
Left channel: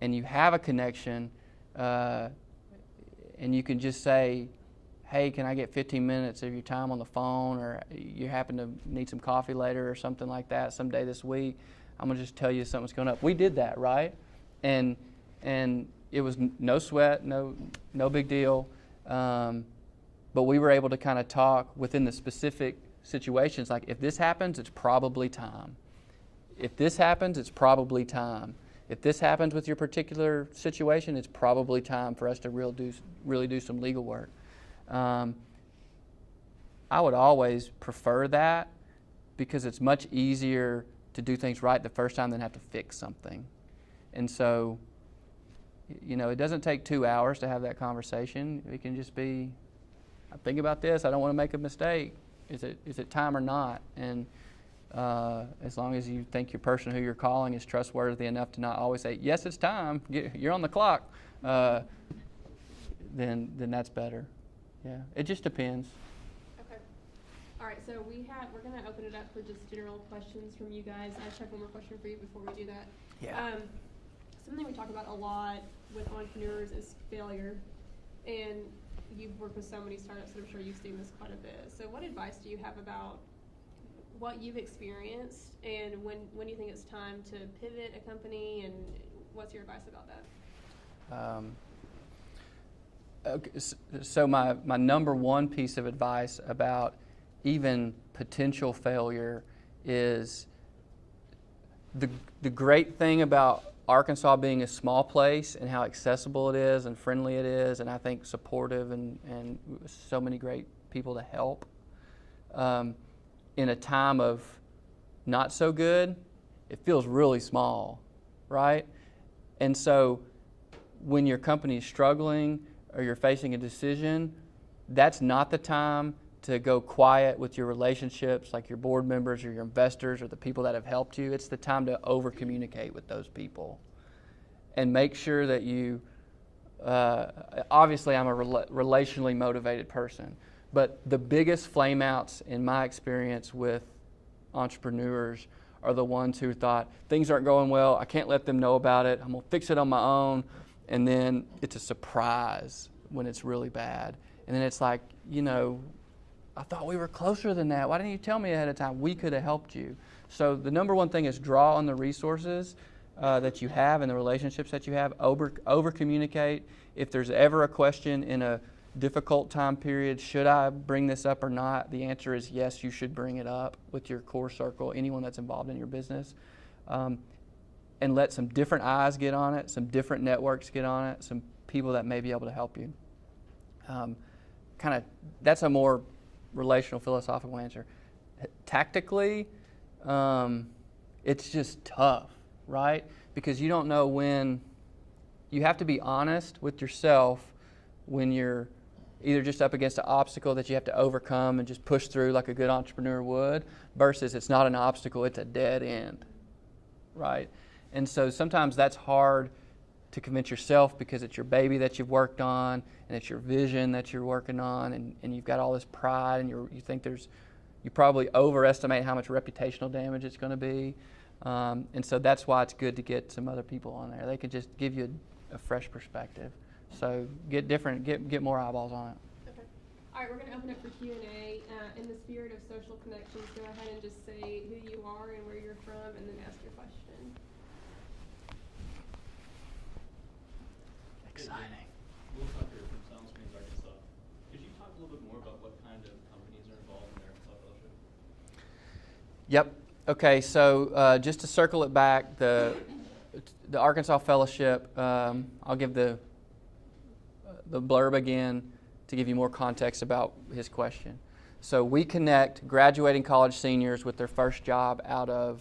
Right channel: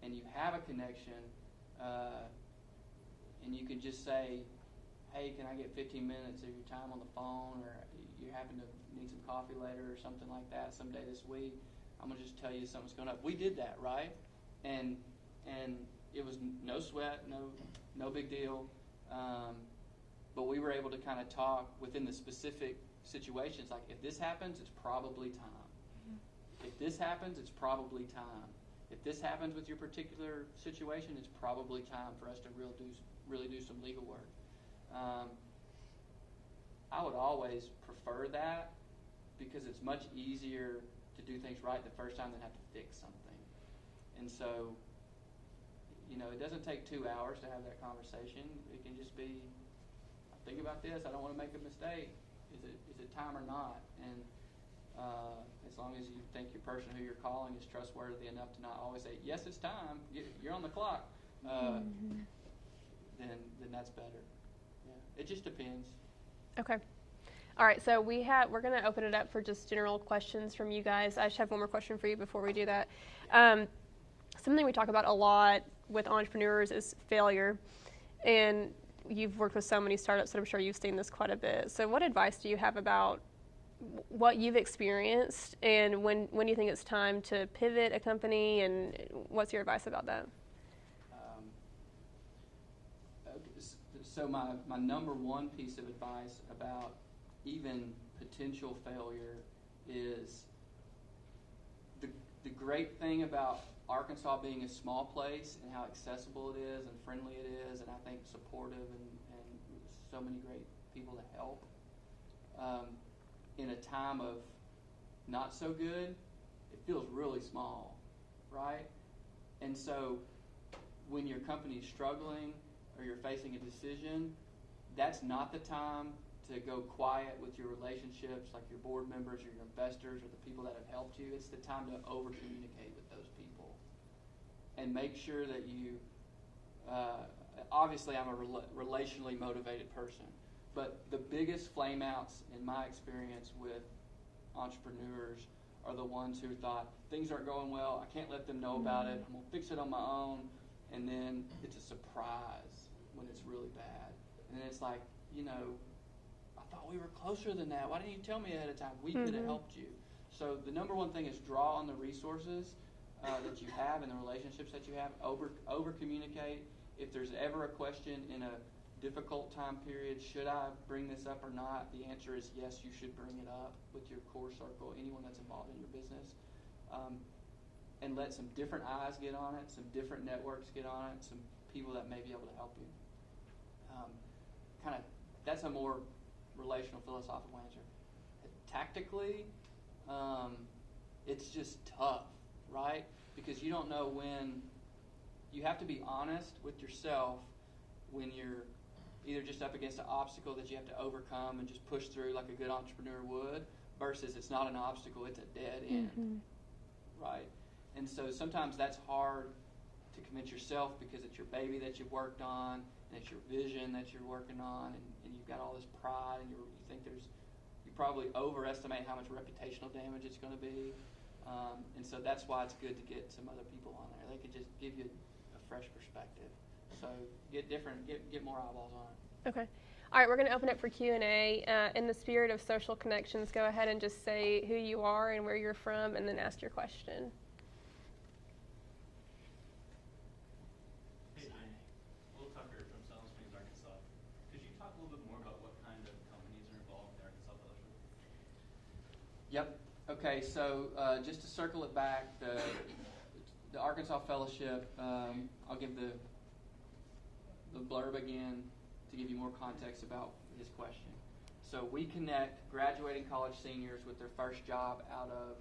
and you have a connection and you can just say, hey, can I get 15 minutes of your time on the phone, or you happen to need some coffee later or something like that someday this week, I'm going to just tell you something's going up. We did that, right? And it was no sweat, no big deal. But we were able to kind of talk within the specific situations, like if this happens, it's probably time. If this happens, it's probably time. If this happens with your particular situation, it's probably time for us to really do some legal work. I would always prefer that because it's much easier to do things right the first time than have to fix something. And so, it doesn't take 2 hours to have that conversation. It can just be, I think about this, I don't want to make a mistake. Is it time or not? And as long as you think your person who you're calling is trustworthy enough to not always say, yes, it's time, you're on the clock, then that's better. Yeah, it just depends. Okay. All right, so we're going to open it up for just general questions from you guys. I just have one more question for you before we do that. Yeah. Something we talk about a lot with entrepreneurs is failure, and you've worked with so many startups that I'm sure you've seen this quite a bit. So what advice do you have about what you've experienced, and when you think it's time to pivot a company, and what's your advice about that? Okay, so my number one piece of advice about even potential failure is the great thing about Arkansas being a small place and how accessible it is and friendly it is, and I think supportive and so many great people to help. In a time of not so good, it feels really small, right? And so when your company is struggling or you're facing a decision, that's not the time to go quiet with your relationships, like your board members or your investors or the people that have helped you. It's the time to over-communicate with those people and make sure that you, obviously I'm a relationally motivated person, but the biggest flame outs in my experience with entrepreneurs are the ones who thought, things aren't going well, I can't let them know about it, I'm gonna fix it on my own, and then it's a surprise when it's really bad. And then it's like, I thought we were closer than that. Why didn't you tell me ahead of time? We could have helped you. So the number one thing is draw on the resources that you have and the relationships that you have. Over communicate. If there's ever a question in a difficult time period, should I bring this up or not? The answer is yes, you should bring it up with your core circle, anyone that's involved in your business. And let some different eyes get on it, some different networks get on it, some people that may be able to help you. That's a more relational, philosophical answer. Tactically, it's just tough, right? Because you don't know when. You have to be honest with yourself when you're either just up against an obstacle that you have to overcome and just push through like a good entrepreneur would, versus it's not an obstacle, it's a dead end, right? And so sometimes that's hard to convince yourself because it's your baby that you've worked on and it's your vision that you're working on, and you've got all this pride, and you think you probably overestimate how much reputational damage it's going to be. And so that's why it's good to get some other people on there. They can just give you a fresh perspective. So get more eyeballs on it. Okay. All right, we're going to open it for Q&A. In the spirit of social connections, go ahead and just say who you are and where you're from, and then ask your question. Exciting. Conductor from Silent Springs, Arkansas. Could you talk a little bit more about what kind of companies are involved in the Arkansas Fellowship? Yep. Okay, so just to circle it back, the Arkansas Fellowship, I'll give the blurb again to give you more context about his question. So we connect graduating college seniors with their first job out of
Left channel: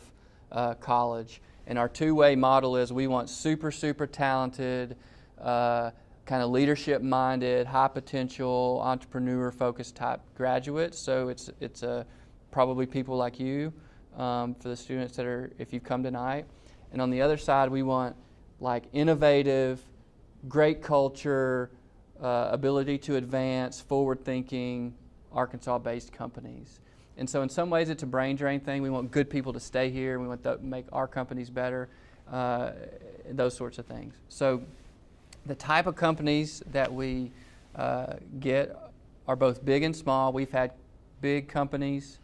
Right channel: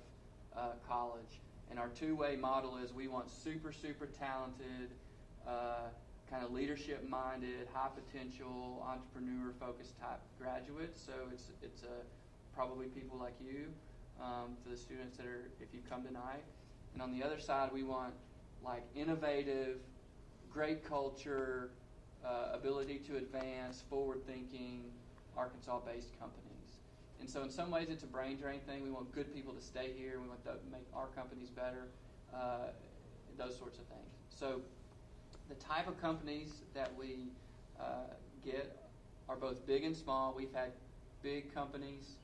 college. And our two-way model is we want super, super talented, kind of leadership-minded, high-potential, entrepreneur-focused type graduates. So it's probably people like you for the students that are, if you've come tonight. And on the other side, we want like innovative, great culture, ability to advance, forward-thinking, Arkansas-based companies. And so in some ways it's a brain drain thing. We want good people to stay here. We want to make our companies better, those sorts of things. So the type of companies that we get are both big and small. We've had big companies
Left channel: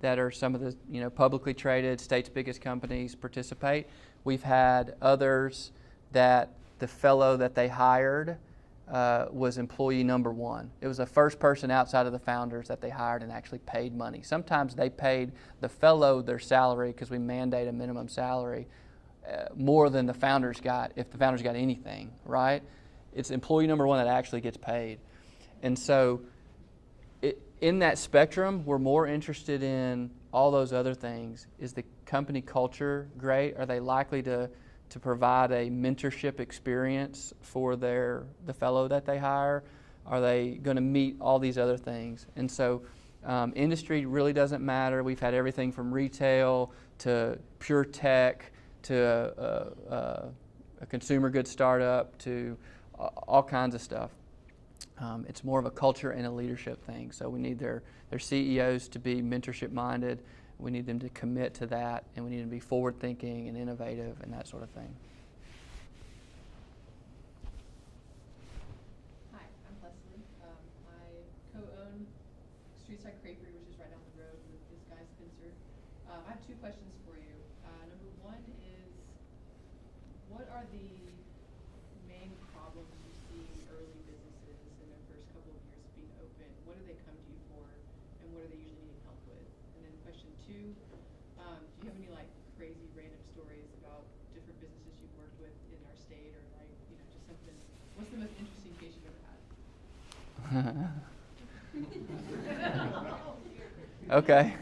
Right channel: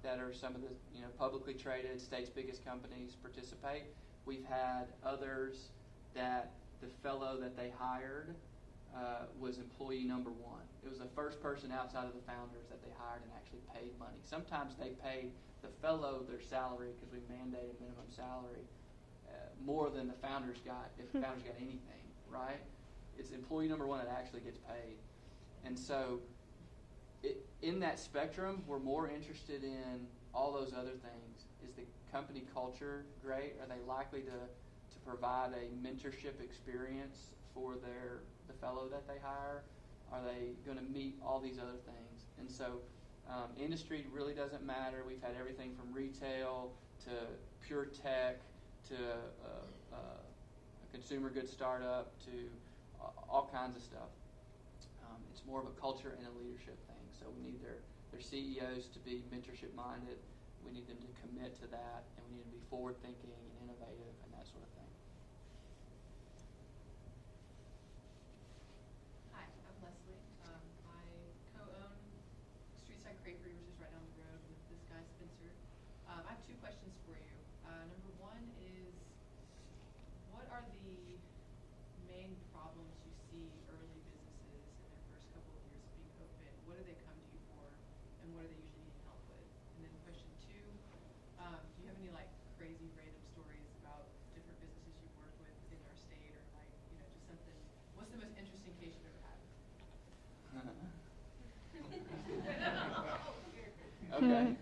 that are some of the publicly traded, state's biggest companies participate. We've had others that the fellow that they hired was employee number one. It was the first person outside of the founders that they hired and actually paid money. Sometimes they paid the fellow their salary because we mandate a minimum salary more than the founders got, if the founders got anything, right? It's employee number one that actually gets paid. And so in that spectrum, we're more interested in all those other things. Is the company culture great? Are they likely to provide a mentorship experience for the fellow that they hire? Are they going to meet all these other things? And so industry really doesn't matter. We've had everything from retail to pure tech to a consumer goods startup to all kinds of stuff. It's more of a culture and a leadership thing. So we need their CEOs to be mentorship minded. We need them to commit to that, and we need them to be forward thinking and innovative and that sort of thing. Hi, I'm Leslie. I co-own Streetside Crapery, which is right down the road with this guy Spencer. I have two questions for you. Number one is, what are the main problems you see in early businesses in their first couple of years of being open? What do they come to you for, and what are they usually needing help with? And then question two, do you have any like crazy random stories about different businesses you've worked with in our state, or like, just something? What's the most interesting case you've ever had? Okay.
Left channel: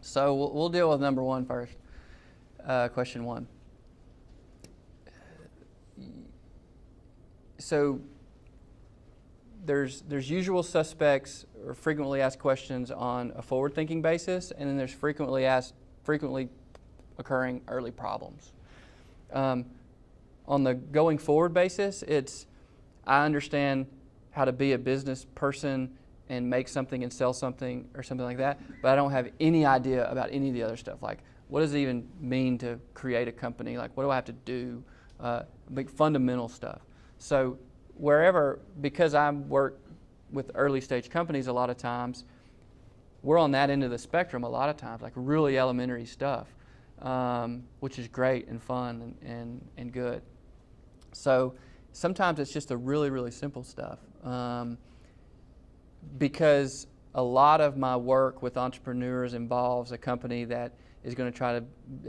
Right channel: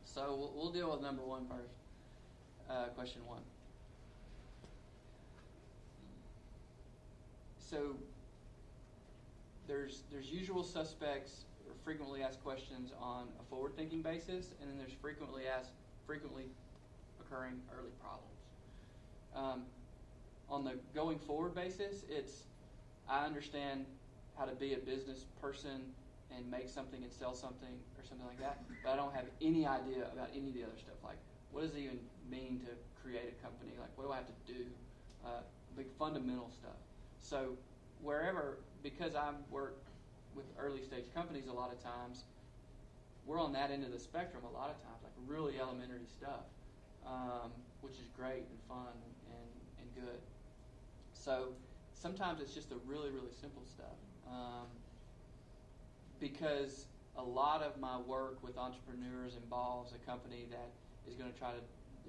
So we'll deal with number one first. Question one. So there's usual suspects or frequently asked questions on a forward-thinking basis, and then there's frequently occurring early problems. On the going forward basis, I understand how to be a business person and make something and sell something or something like that, but I don't have any idea about any of the other stuff. Like, what does it even mean to create a company? Like, what do I have to do? Like fundamental stuff. So because I work with early stage companies a lot of times, we're on that end of the spectrum a lot of times, like really elementary stuff, which is great and fun and good. So sometimes it's just the really, really simple stuff. Because a lot of my work with entrepreneurs involves a company that is going to try to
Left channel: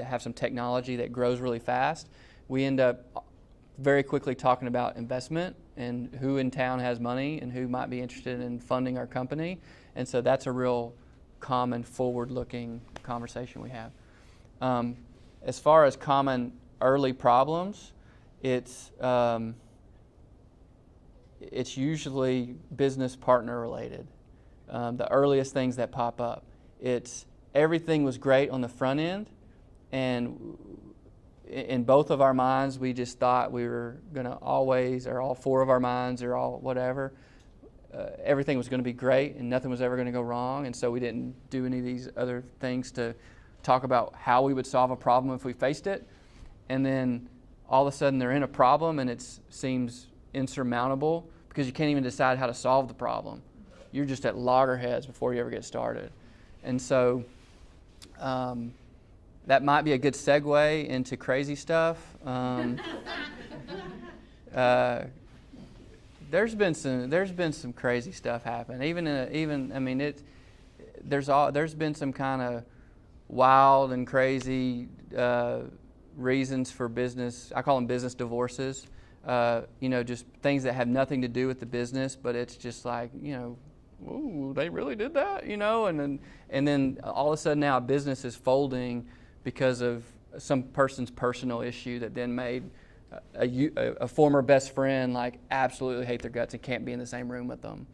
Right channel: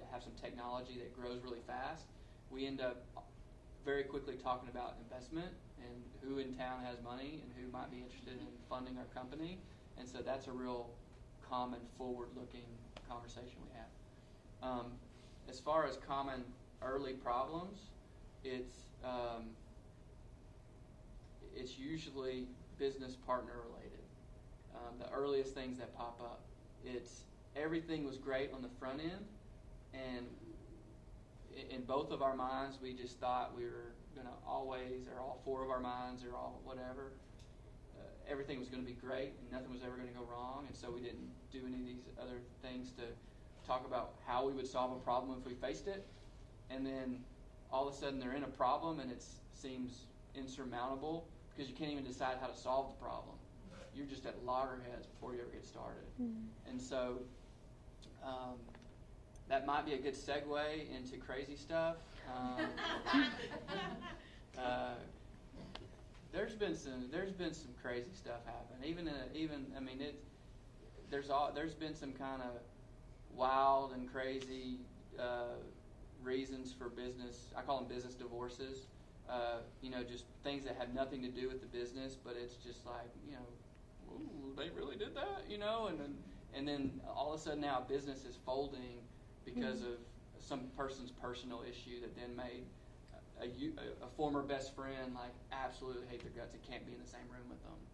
have some technology that grows really fast. We end up very quickly talking about investment and who in town has money and who might be interested in funding our company. And so that's a real common forward-looking conversation we have. As far as common early problems, it's usually business partner related. The earliest things that pop up. It's everything was great on the front end, and in both of our minds, we just thought we were going to always, or all four of our minds, or all whatever, everything was going to be great and nothing was ever going to go wrong, and so we didn't do any of these other things to talk about how we would solve a problem if we faced it. And then all of a sudden they're in a problem and it seems insurmountable because you can't even decide how to solve the problem. You're just at loggerheads before you ever get started. Mm-hmm. And so that might be a good segue into crazy stuff. There's been some crazy stuff happen. There's been some kind of wild and crazy reasons for business. I call them business divorces. Just things that have nothing to do with the business, but it's just like, ooh, they really did that, and then all of a sudden now a business is folding because of some person's personal issue that then made a former best friend like absolutely hate their guts and can't be in the same room with them.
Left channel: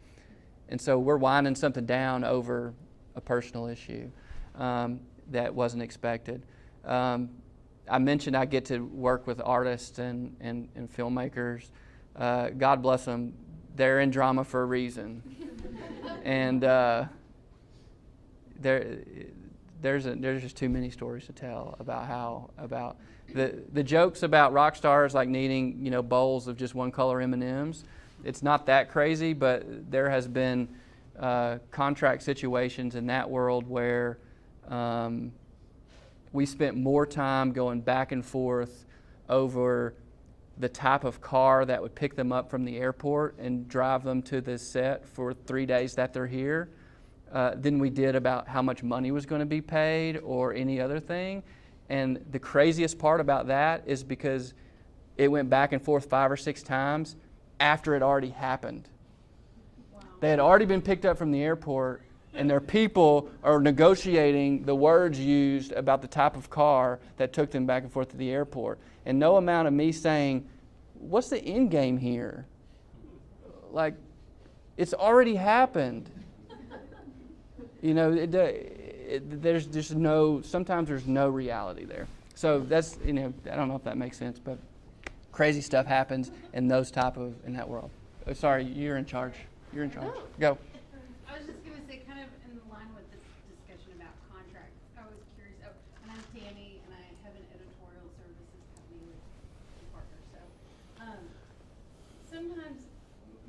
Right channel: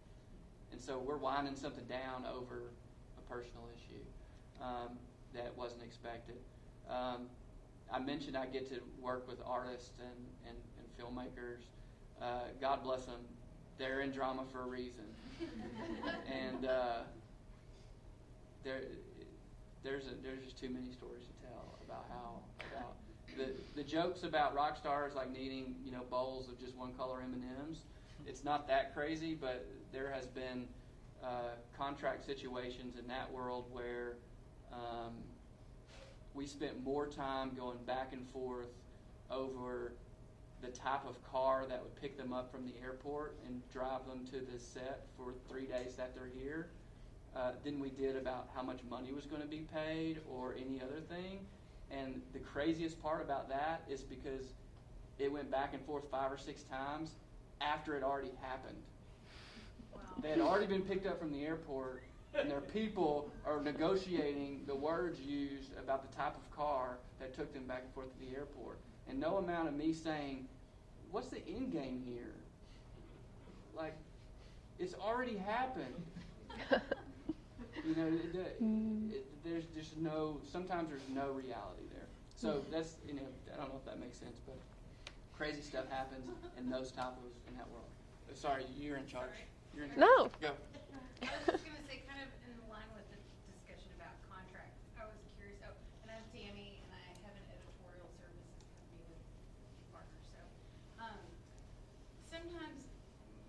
And so we're winding something down over a personal issue that wasn't expected. I mentioned I get to work with artists and filmmakers. God bless them. They're in drama for a reason. And there's just too many stories to tell about the jokes about rock stars like needing bowls of just one color M&Ms. It's not that crazy, but there has been contract situations in that world where we spent more time going back and forth over the type of car that would pick them up from the airport and drive them to the set for 3 days that they're here than we did about how much money was going to be paid or any other thing. And the craziest part about that is because it went back and forth 5 or 6 times after it already happened. Wow. They had already been picked up from the airport, and their people are negotiating the words used about the type of car that took them back and forth to the airport. And no amount of me saying, what's the end game here? Like, it's already happened. There's just sometimes there's no reality there. So that's, I don't know if that makes sense, but crazy stuff happens in that world. Sorry, you're in charge. You're in charge. No. Go. I was just going to say, kind of in line with this discussion about contracts, I was curious. Oh, and I'm Tammy, and I have an editorial services company with a partner. So sometimes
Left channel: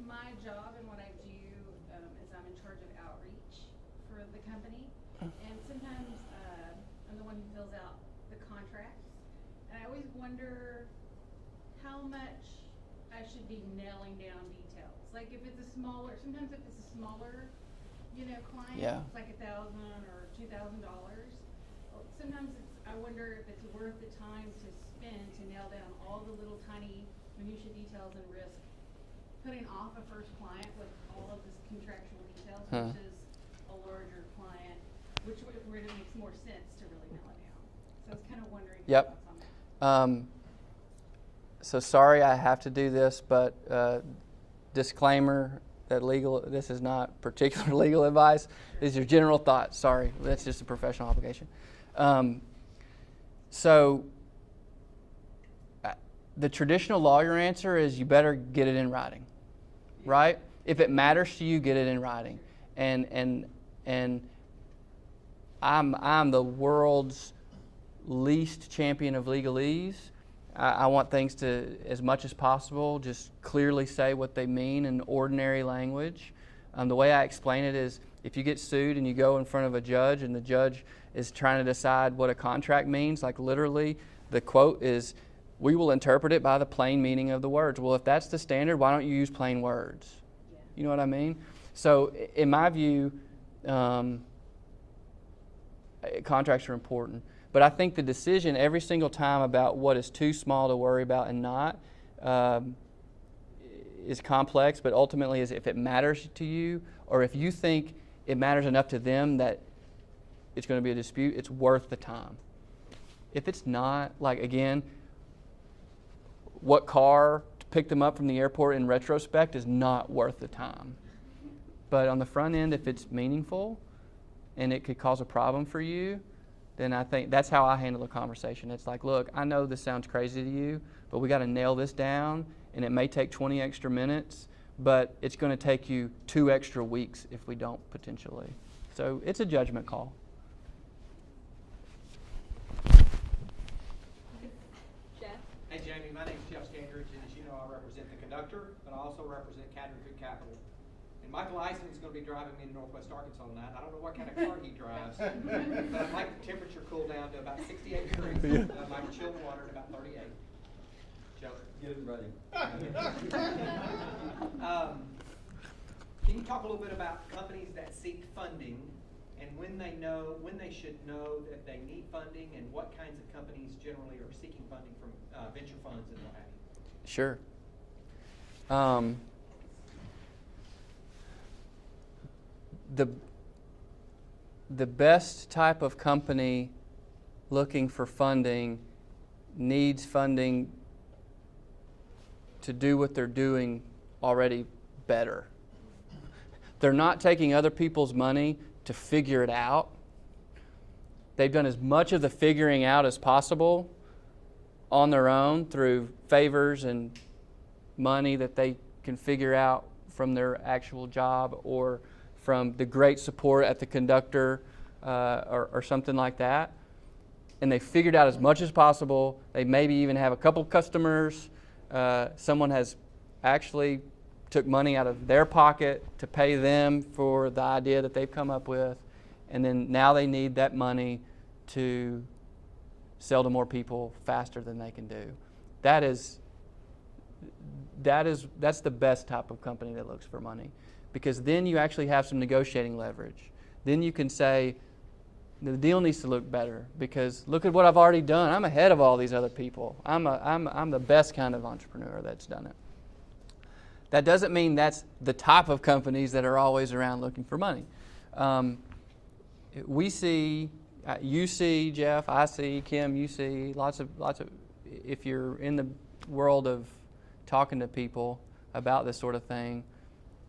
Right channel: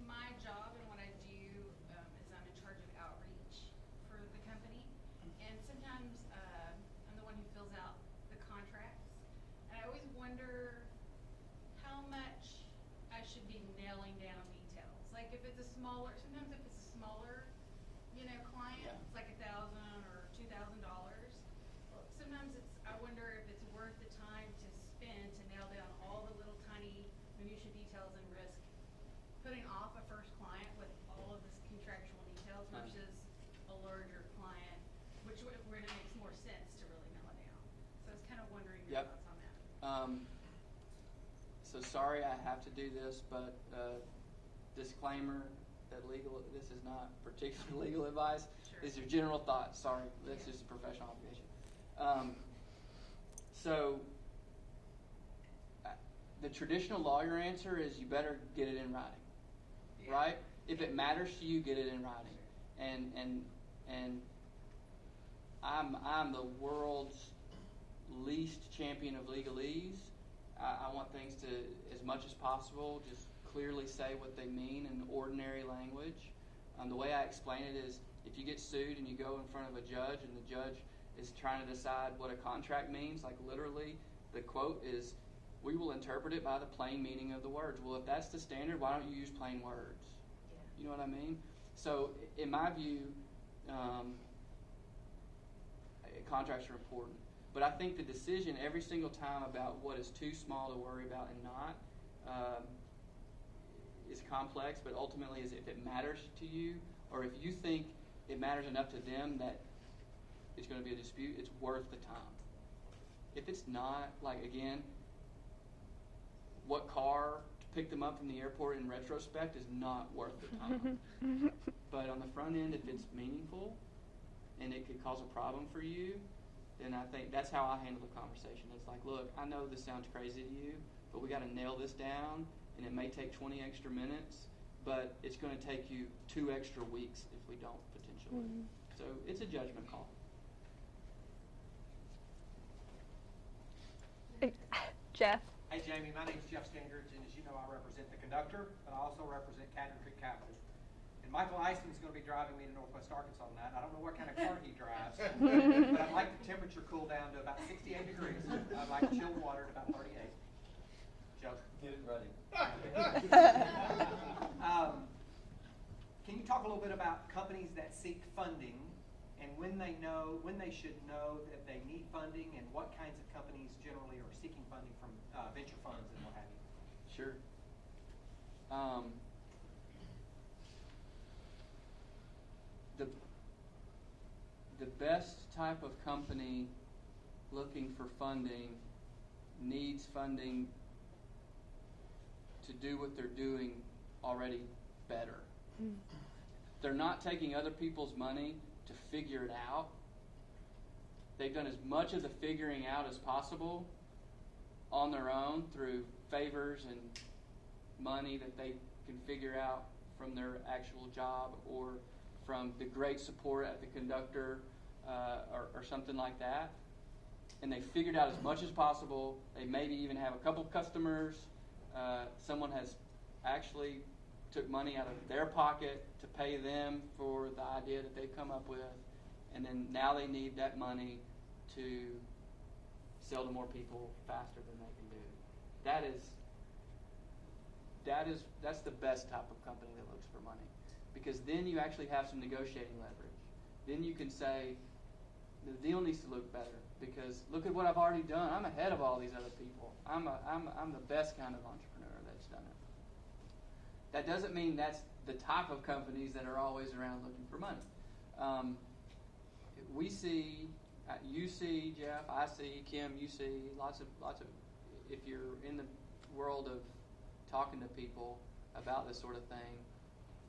my job and what I do is I'm in charge of outreach for the company. And sometimes I'm the one who fills out the contracts. And I always wonder how much I should be nailing down details. Like if it's a smaller, sometimes if it's a smaller, client, Yeah. it's like $1,000 or $2,000. Or sometimes I wonder if it's worth the time to spend to nail down all the little tiny minutia details and risk putting off a first client with all of the contractual details versus a larger client, which where it makes more sense to really nail it down. So I was kind of wondering your Yep. thoughts on that. So sorry I have to do this, but disclaimer that this is not particular legal advice. This is your general thoughts. Sorry, that's just a professional obligation. So the traditional lawyer answer is you better get it in writing, right? If it matters to you, get it in writing. And I'm the world's least champion of legalese. I want things to, as much as possible, just clearly say what they mean in ordinary language. The way I explain it is if you get sued and you go in front of a judge and the judge is trying to decide what a contract means, like literally the quote is, "We will interpret it by the plain meaning of the words." Well, if that's the standard, why don't you use plain words? Yeah. You know what I mean? So in my view, contracts are important. But I think the decision every single time about what is too small to worry about and not is complex, but ultimately is if it matters to you or if you think it matters enough to them that it's going to be a dispute, it's worth the time. If it's not, like again, what car to pick them up from the airport in retrospect is not worth the time. But on the front end, if it's meaningful and it could cause a problem for you, then I think that's how I handle the conversation. It's like, look, I know this sounds crazy to you, but we got to nail this down, and it may take 20 extra minutes, but it's going to take you 2 extra weeks if we don't, potentially. So it's a judgment call. Jeff. Hey Jamie, my name's Jeff Standridge, and as you know, I represent the Conductor, but I also represent Cadron Creek Capital. And Michael Eisman's going to be driving me to Northwest Arkansas tonight. I don't know what kind of car he drives, but I'd like the temperature cool down to about 68 degrees. I'd like chilled water at about 38. Joke. Get it ready. Can you talk a little bit about companies that seek funding and when they should know that they need funding and what kinds of companies generally are seeking funding from venture funds and what have you? Sure. The best type of company looking for funding needs funding to do what they're doing already better. They're not taking other people's money to figure it out. They've done as much of the figuring out as possible on their own through favors and money that they can figure out from their actual job or from the great support at the Conductor or something like that. And they figured out as much as possible. They maybe even have a couple customers. Someone has actually took money out of their pocket to pay them for the idea that they've come up with. And then now they need that money to sell to more people faster than they can do. That's the best type of company that looks for money, because then you actually have some negotiating leverage. Then you can say, the deal needs to look better because look at what I've already done. I'm ahead of all these other people. I'm the best kind of entrepreneur that's done it. That doesn't mean that's the type of companies that are always around looking for money. We see, you see, Jeff, I see, Kim, you see, lots of. If you're in the world of talking to people about this sort of thing,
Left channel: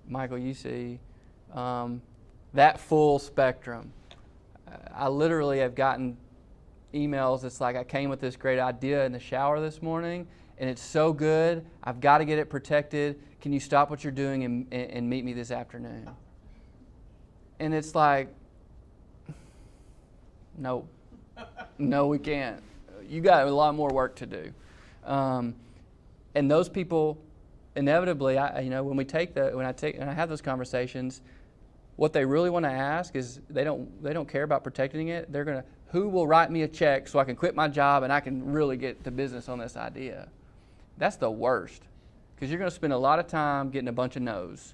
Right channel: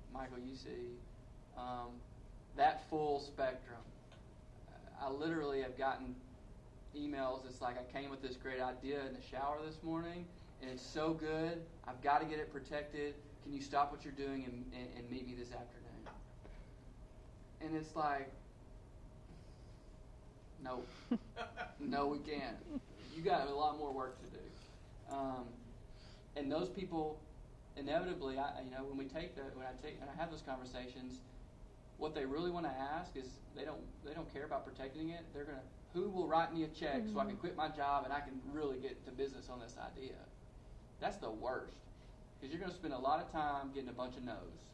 Michael, you see that full spectrum. I literally have gotten emails. It's like I came with this great idea in the shower this morning, and it's so good, I've got to get it protected. Can you stop what you're doing and meet me this afternoon? And it's like, no. No, we can't. You got a lot more work to do. And those people, inevitably, when I have those conversations, what they really want to ask is they don't care about protecting it. They're gonna, who will write me a check so I can quit my job and I can really get to business on this idea? That's the worst, because you're going to spend a lot of time getting a bunch of no's.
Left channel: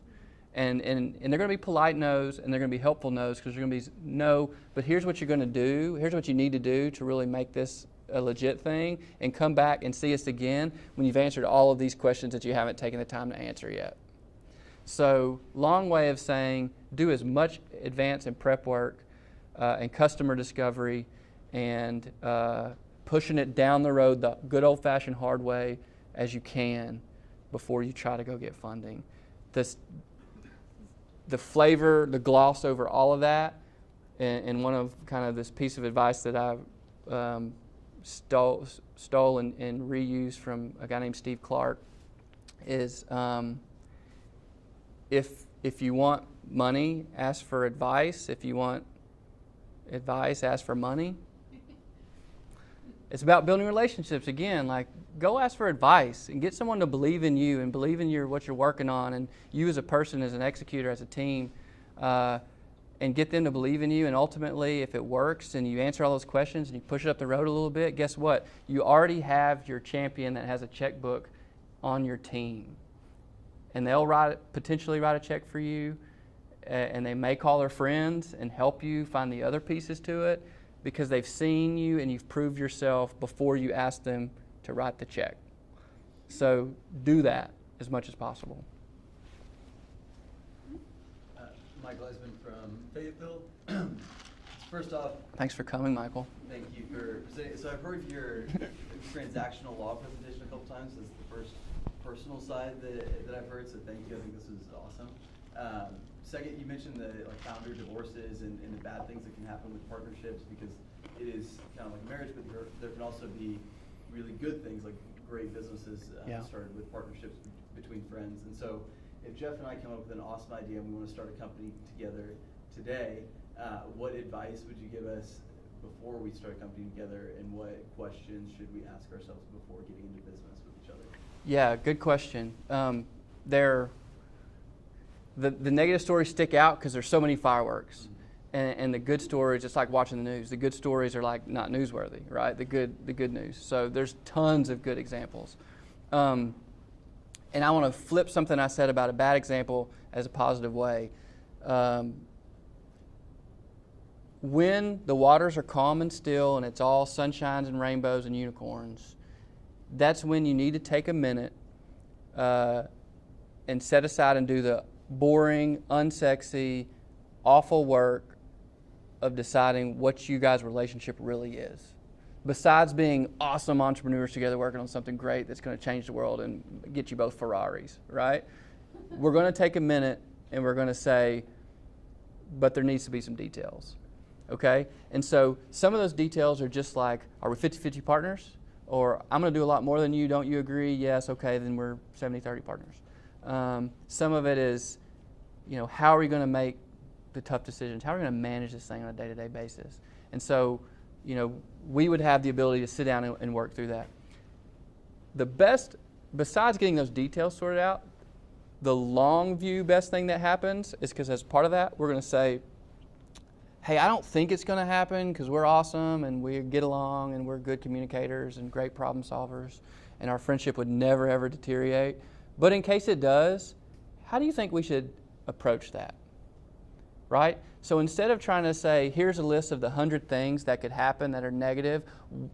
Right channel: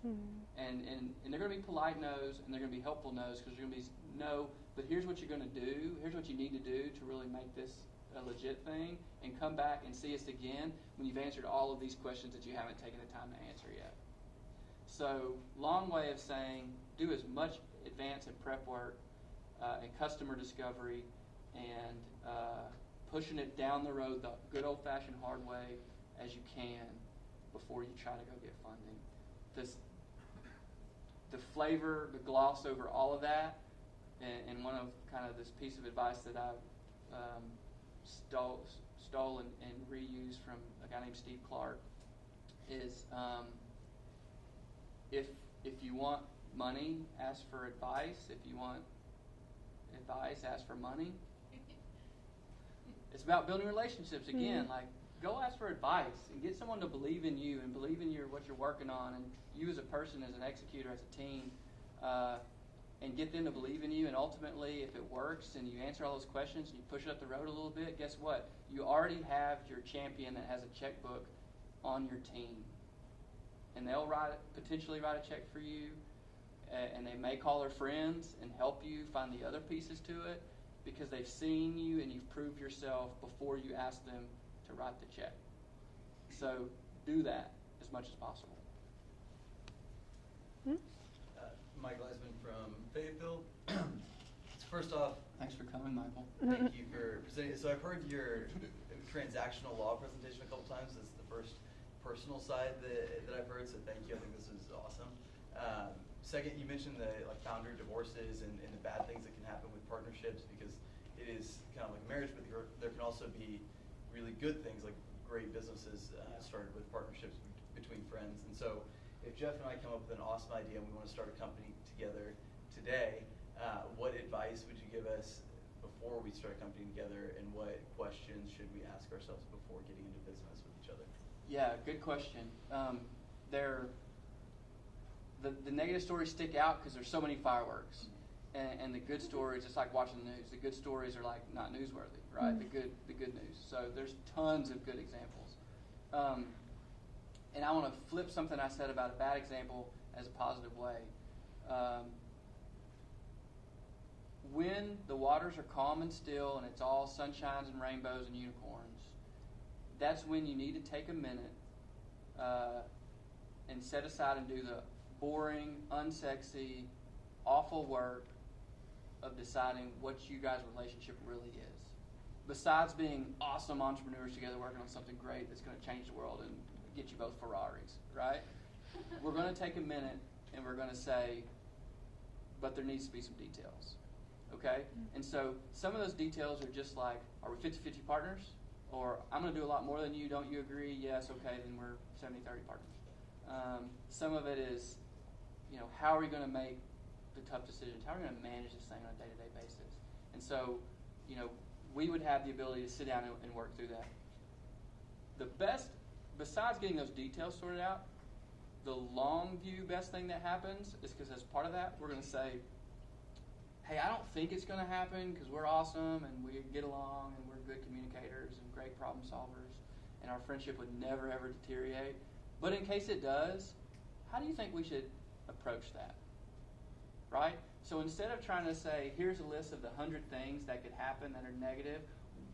And they're going to be polite no's, and they're going to be helpful no's, because they're going to be no, but here's what you're going to do. Here's what you need to do to really make this a legit thing, and come back and see us again when you've answered all of these questions that you haven't taken the time to answer yet. So, long way of saying, do as much advance and prep work and customer discovery and pushing it down the road the good old-fashioned hard way as you can before you try to go get funding. The flavor, the gloss over all of that, and one of kind of this piece of advice that I stole and reused from a guy named Steve Clark is, if you want money, ask for advice. If you want advice, ask for money. It's about building relationships again. Like, go ask for advice and get someone to believe in you and believe in what you're working on, and you as a person, as an executor, as a team, and get them to believe in you. And ultimately, if it works and you answer all those questions and you push it up the road a little bit, guess what? You already have your champion that has a checkbook on your team. And they'll potentially write a check for you, and they may call their friends and help you find the other pieces to it, because they've seen you and you've proved yourself before you ask them to write the check. So do that as much as possible. Michael Eisman from Fayetteville. First off, thanks for coming, Michael. thank you for presenting. So I've heard your transactional law presentation a couple times. This is the first personal side that I've heard, so thank you. I think this is awesome. Second, you mentioned the founder divorces and the bad things that can happen with partnerships, because it is kind of like marriage, but there can also be really good things, like great businesses started with partnerships between friends. And so if Jeff and I come up with an awesome idea and we want to start a company together today, what advice would you give us before we start a company together, and what questions should we ask ourselves before getting into business with each other? Yeah, good question. The negative stories stick out because there's so many fireworks, and the good stories, it's like watching the news. The good stories are like not newsworthy, right? The good news. So there's tons of good examples, and I want to flip something I said about a bad example as a positive way. When the waters are calm and still, and it's all sunshines and rainbows and unicorns, that's when you need to take a minute and set aside and do the boring, unsexy, awful work of deciding what you guys' relationship really is. Besides being awesome entrepreneurs together working on something great that's going to change the world and get you both Ferraris, right? We're going to take a minute and we're going to say, but there needs to be some details, okay? And so some of those details are just like, are we 50-50 partners? Or I'm going to do a lot more than you, don't you agree? Yes, okay, then we're 70-30 partners. Some of it is, how are we going to make the tough decisions? How are we going to manage this thing on a day-to-day basis? And so, we would have the ability to sit down and work through that. The best, besides getting those details sorted out, the long view best thing that happens is because as part of that, we're going to say, hey, I don't think it's going to happen because we're awesome and we get along and we're good communicators and great problem solvers, and our friendship would never, ever deteriorate. But in case it does, how do you think we should approach that, right? So instead of trying to say, here's a list of the 100 things that could happen that are negative,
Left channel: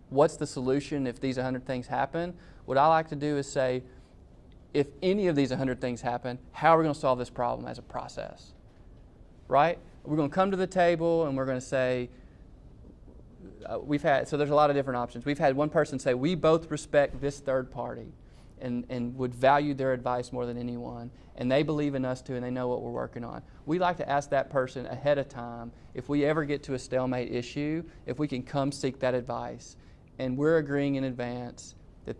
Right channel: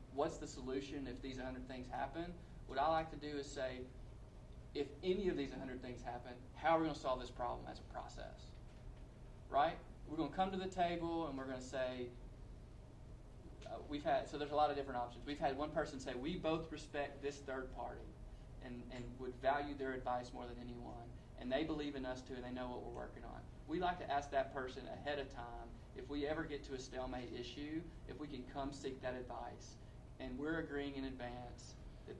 what's the solution if these 100 things happen? What I like to do is say, if any of these 100 things happen, how are we going to solve this problem as a process, right? We're going to come to the table and we're going to say, so there's a lot of different options. We've had one person say, we both respect this third party and would value their advice more than anyone, and they believe in us too, and they know what we're working on. We like to ask that person ahead of time, if we ever get to a stalemate issue, if we can come seek that advice. And we're agreeing in advance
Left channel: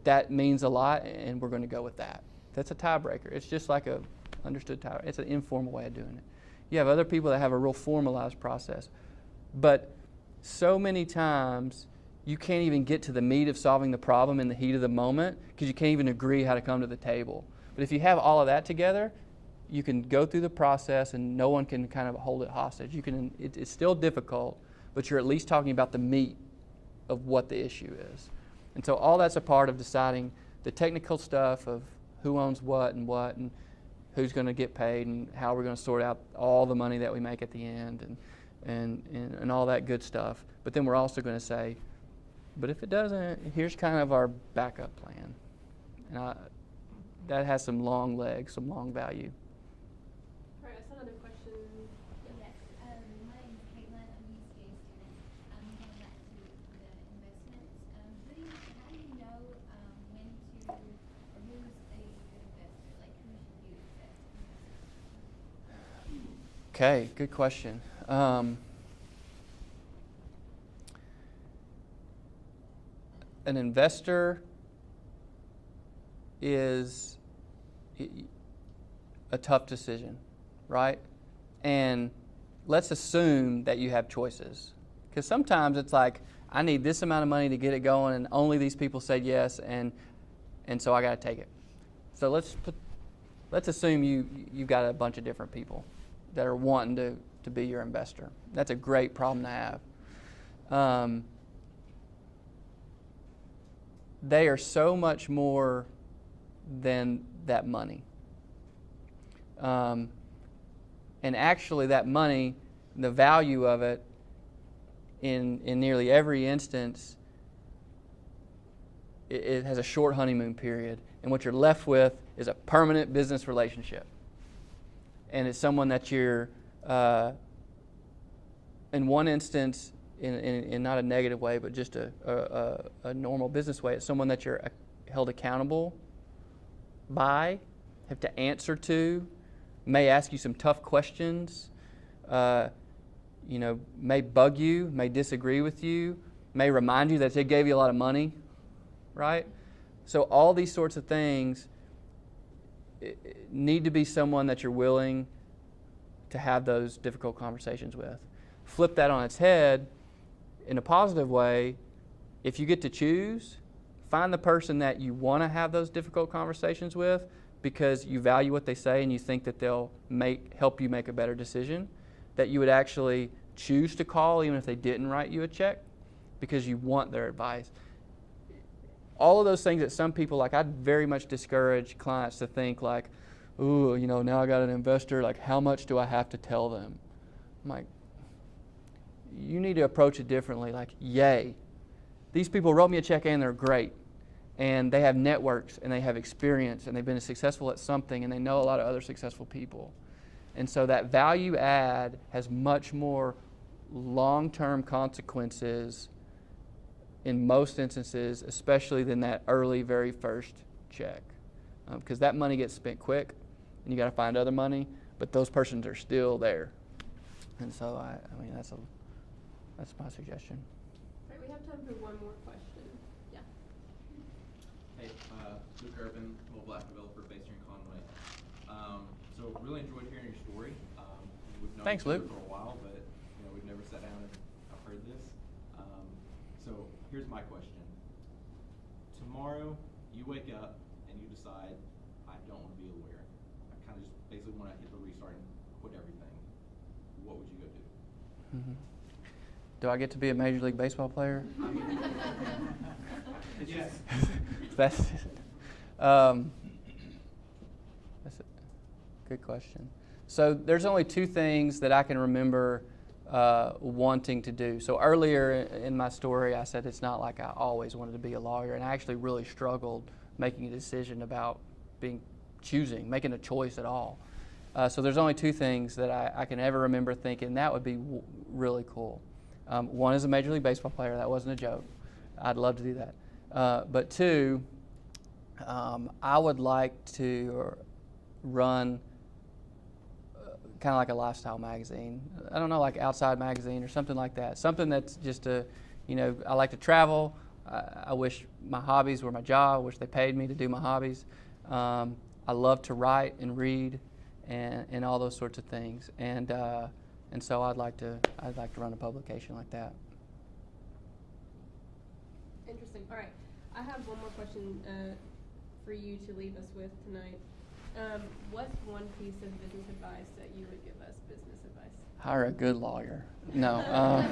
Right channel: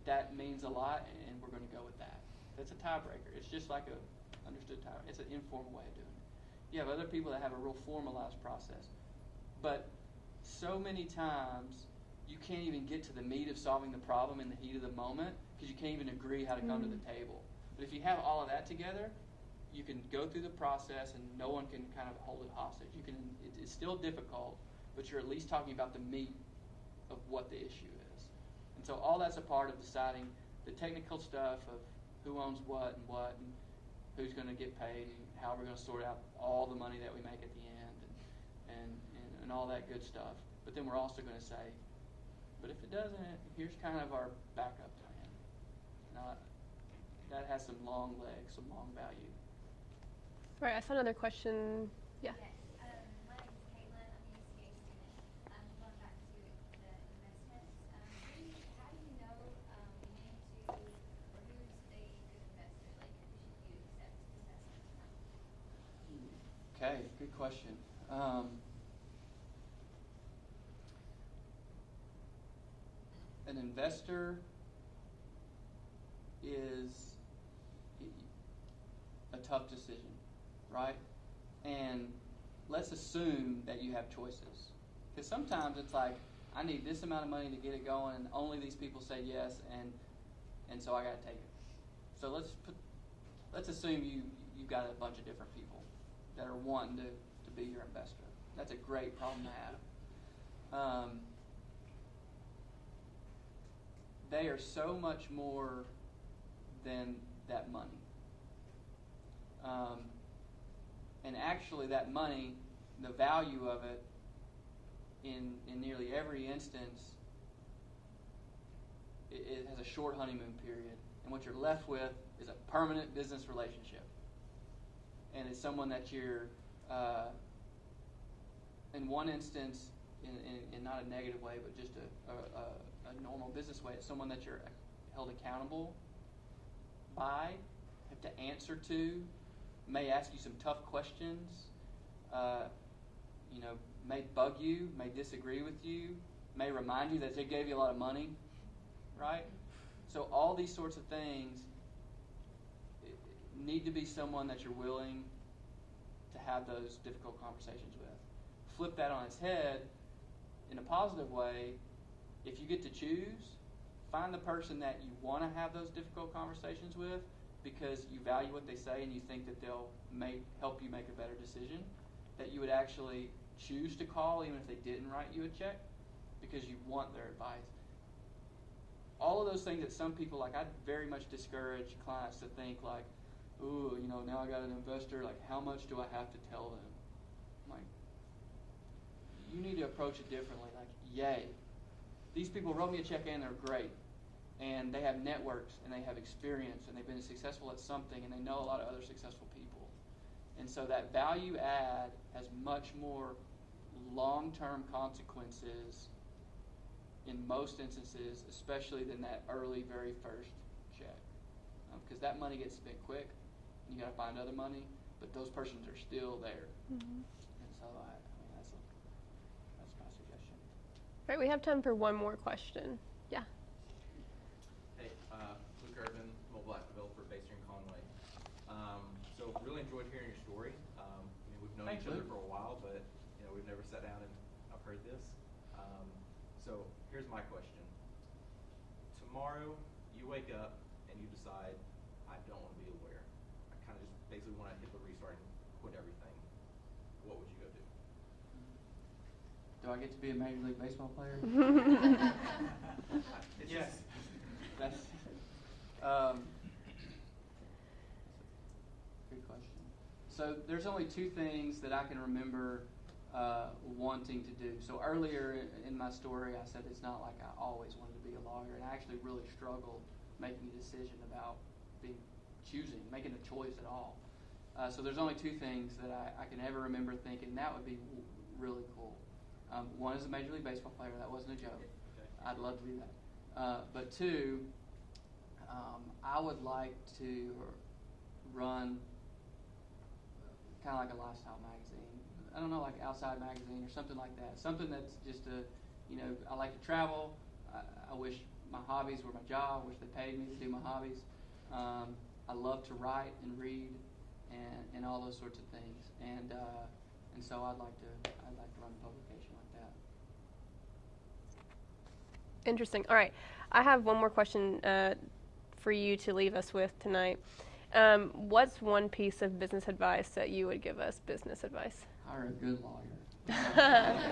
that means a lot, and we're going to go with that. That's a tiebreaker. It's just like a understood tie. It's an informal way of doing it. You have other people that have a real formalized process. But so many times, you can't even get to the meat of solving the problem in the heat of the moment because you can't even agree how to come to the table. But if you have all of that together, you can go through the process and no one can kind of hold it hostage. It's still difficult, but you're at least talking about the meat of what the issue is. And so all that's a part of deciding the technical stuff of who owns what and who's going to get paid and how we're going to sort out all the money that we make at the end and all that good stuff. But then we're also going to say, but if it doesn't, here's kind of our backup plan. And that has some long legs, some long value. Right, I saw another question. Yeah. Yes, my name is Caitlin. I'm a UCA student. Going back to the investments, how do you know when to, or who's a good investor? Like who should you accept investment from? Okay, good question. An investor is a tough decision, right? And let's assume that you have choices. Because sometimes it's like, I need this amount of money to get it going, and only these people say yes, and so I got to take it. So let's assume you've got a bunch of different people that are wanting to be your investor. That's a great problem to have. They are so much more than that money. And actually that money, the value of it in nearly every instance, it has a short honeymoon period. And what you're left with is a permanent business relationship. And it's someone that you're, in one instance, in not a negative way, but just a normal business way, it's someone that you're held accountable by, have to answer to, may ask you some tough questions, may bug you, may disagree with you, may remind you that they gave you a lot of money, right? So all these sorts of things need to be someone that you're willing to have those difficult conversations with. Flip that on its head, in a positive way, if you get to choose, find the person that you want to have those difficult conversations with because you value what they say and you think that they'll help you make a better decision, that you would actually choose to call even if they didn't write you a check because you want their advice. All of those things that some people, like, I'd very much discourage clients to think like, ooh, now I got an investor, like how much do I have to tell them? I'm like, you need to approach it differently. Like, yay, these people wrote me a check and they're great. And they have networks and they have experience and they've been successful at something and they know a lot of other successful people. And so that value add has much more long-term consequences in most instances, especially than that early, very first check. Because that money gets spent quick and you got to find other money, but those persons are still there. Mm-hmm. And so, I mean, that's my suggestion. Right, we have time for one more question. Yeah. Hey, Luke Urban, mobile app developer based here in Conway. So really enjoyed hearing your story. We've known Thanks, each other Luke. for a while, but we've never sat down and I've heard this. So here's my question. Tomorrow, you wake up and you decide, I don't want to be a lawyer. I kind of just basically want to hit the restart and quit everything. What would you go do? Mm-hmm. Do I get to be a Major League Baseball player? Yes. That's a good question. So there's only two things that I can remember wanting to do. So earlier in my story, I said it's not like I always wanted to be a lawyer, and I actually really struggled making a decision about making a choice at all. So there's only two things that I can ever remember thinking that would be really cool. One is a Major League Baseball player. That wasn't a joke. I'd love to do that. But two, I would like to run kind of like a lifestyle magazine. I don't know, like Outside Magazine or something like that. Something that's just I like to travel. I wish my hobbies were my job. I wish they paid me to do my hobbies. I love to write and read and all those sorts of things. And so I'd like to run a publication like that. Interesting. All right. I have one more question for you to leave us with tonight. What's one piece of business advice that you would give us, business advice? Hire a good lawyer. No.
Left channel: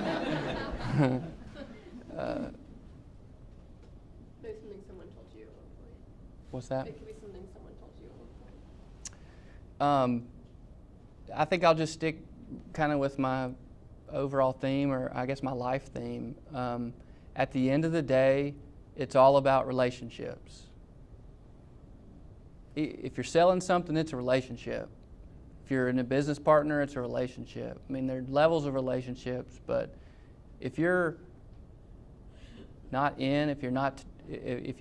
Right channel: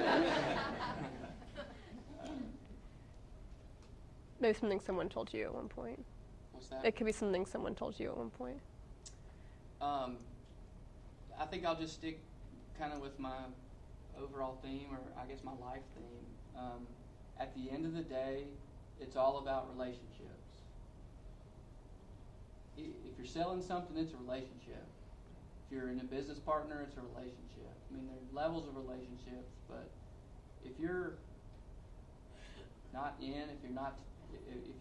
Maybe something someone told you at one point. What's that? It could be something someone told you at one point. I think I'll just stick kind of with my overall theme, or I guess my life theme. At the end of the day, it's all about relationships. If you're selling something, it's a relationship. If you're in a business partner, it's a relationship. I mean, there are levels of relationships, but if you're not in, if you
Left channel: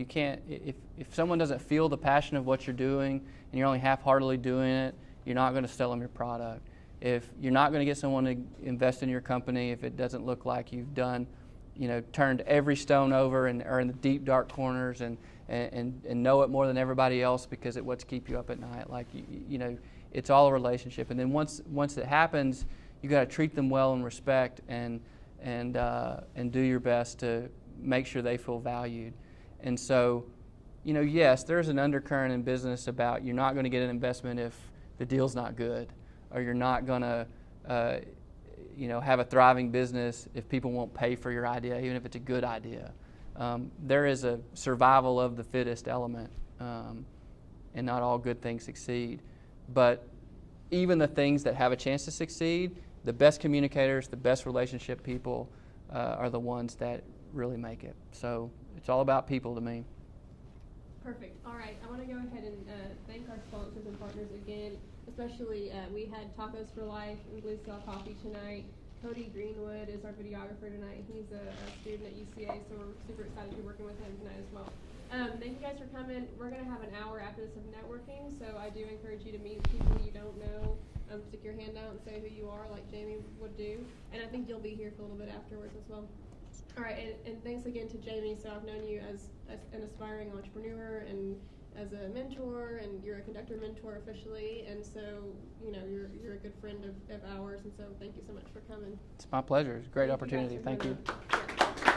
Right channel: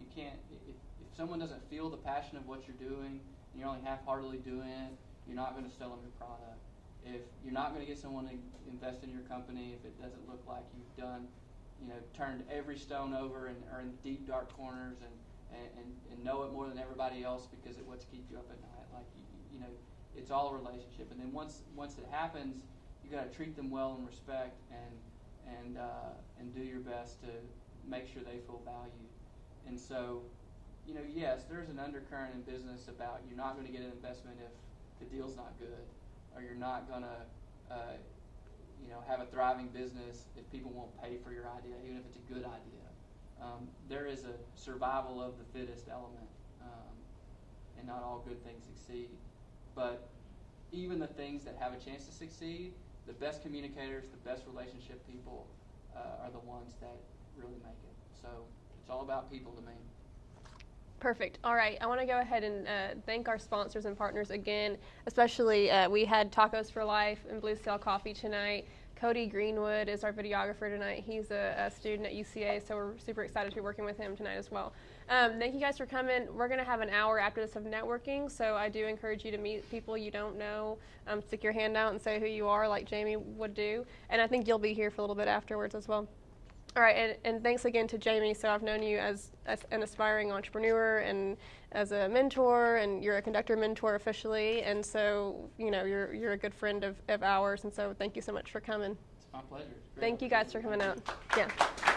can't, if someone doesn't feel the passion of what you're doing and you're only half-heartedly doing it, you're not going to sell them your product. If you're not going to get someone to invest in your company, if it doesn't look like you've done, turned every stone over and are in the deep, dark corners and know it more than everybody else because it what's keep you up at night. Like, it's all a relationship. And then once it happens, you got to treat them well and respect and do your best to make sure they feel valued. And so, yes, there's an undercurrent in business about you're not going to get an investment if the deal's not good, or you're not going to, have a thriving business if people won't pay for your idea, even if it's a good idea. There is a survival of the fittest element, and not all good things succeed. But even the things that have a chance to succeed, the best communicators, the best relationship people are the ones that really make it. So it's all about people to me. Perfect. All right. I want to go ahead and thank our sponsors and partners again, especially we had Tacos for Life and Blue Sail Coffee tonight. Cody Greenwood is our videographer tonight. He's a student at UCA, so we're super excited to be working with him tonight as well. Thank you guys for coming. We're going to have an hour after this of networking, so I do encourage you to meet people you don't know. Stick your hand out and say who you are like Jamie would do. And I think you'll be here for a little bit afterwards as well. All right, and thanks again to Jamie. So I've known you as an aspiring entrepreneur and as a mentor, and you're a Conductor mentor officially, and so you're a good friend of ours, and so thank you so much for coming. It's my pleasure. It's a great opportunity. Thank you guys for coming out. Yeah.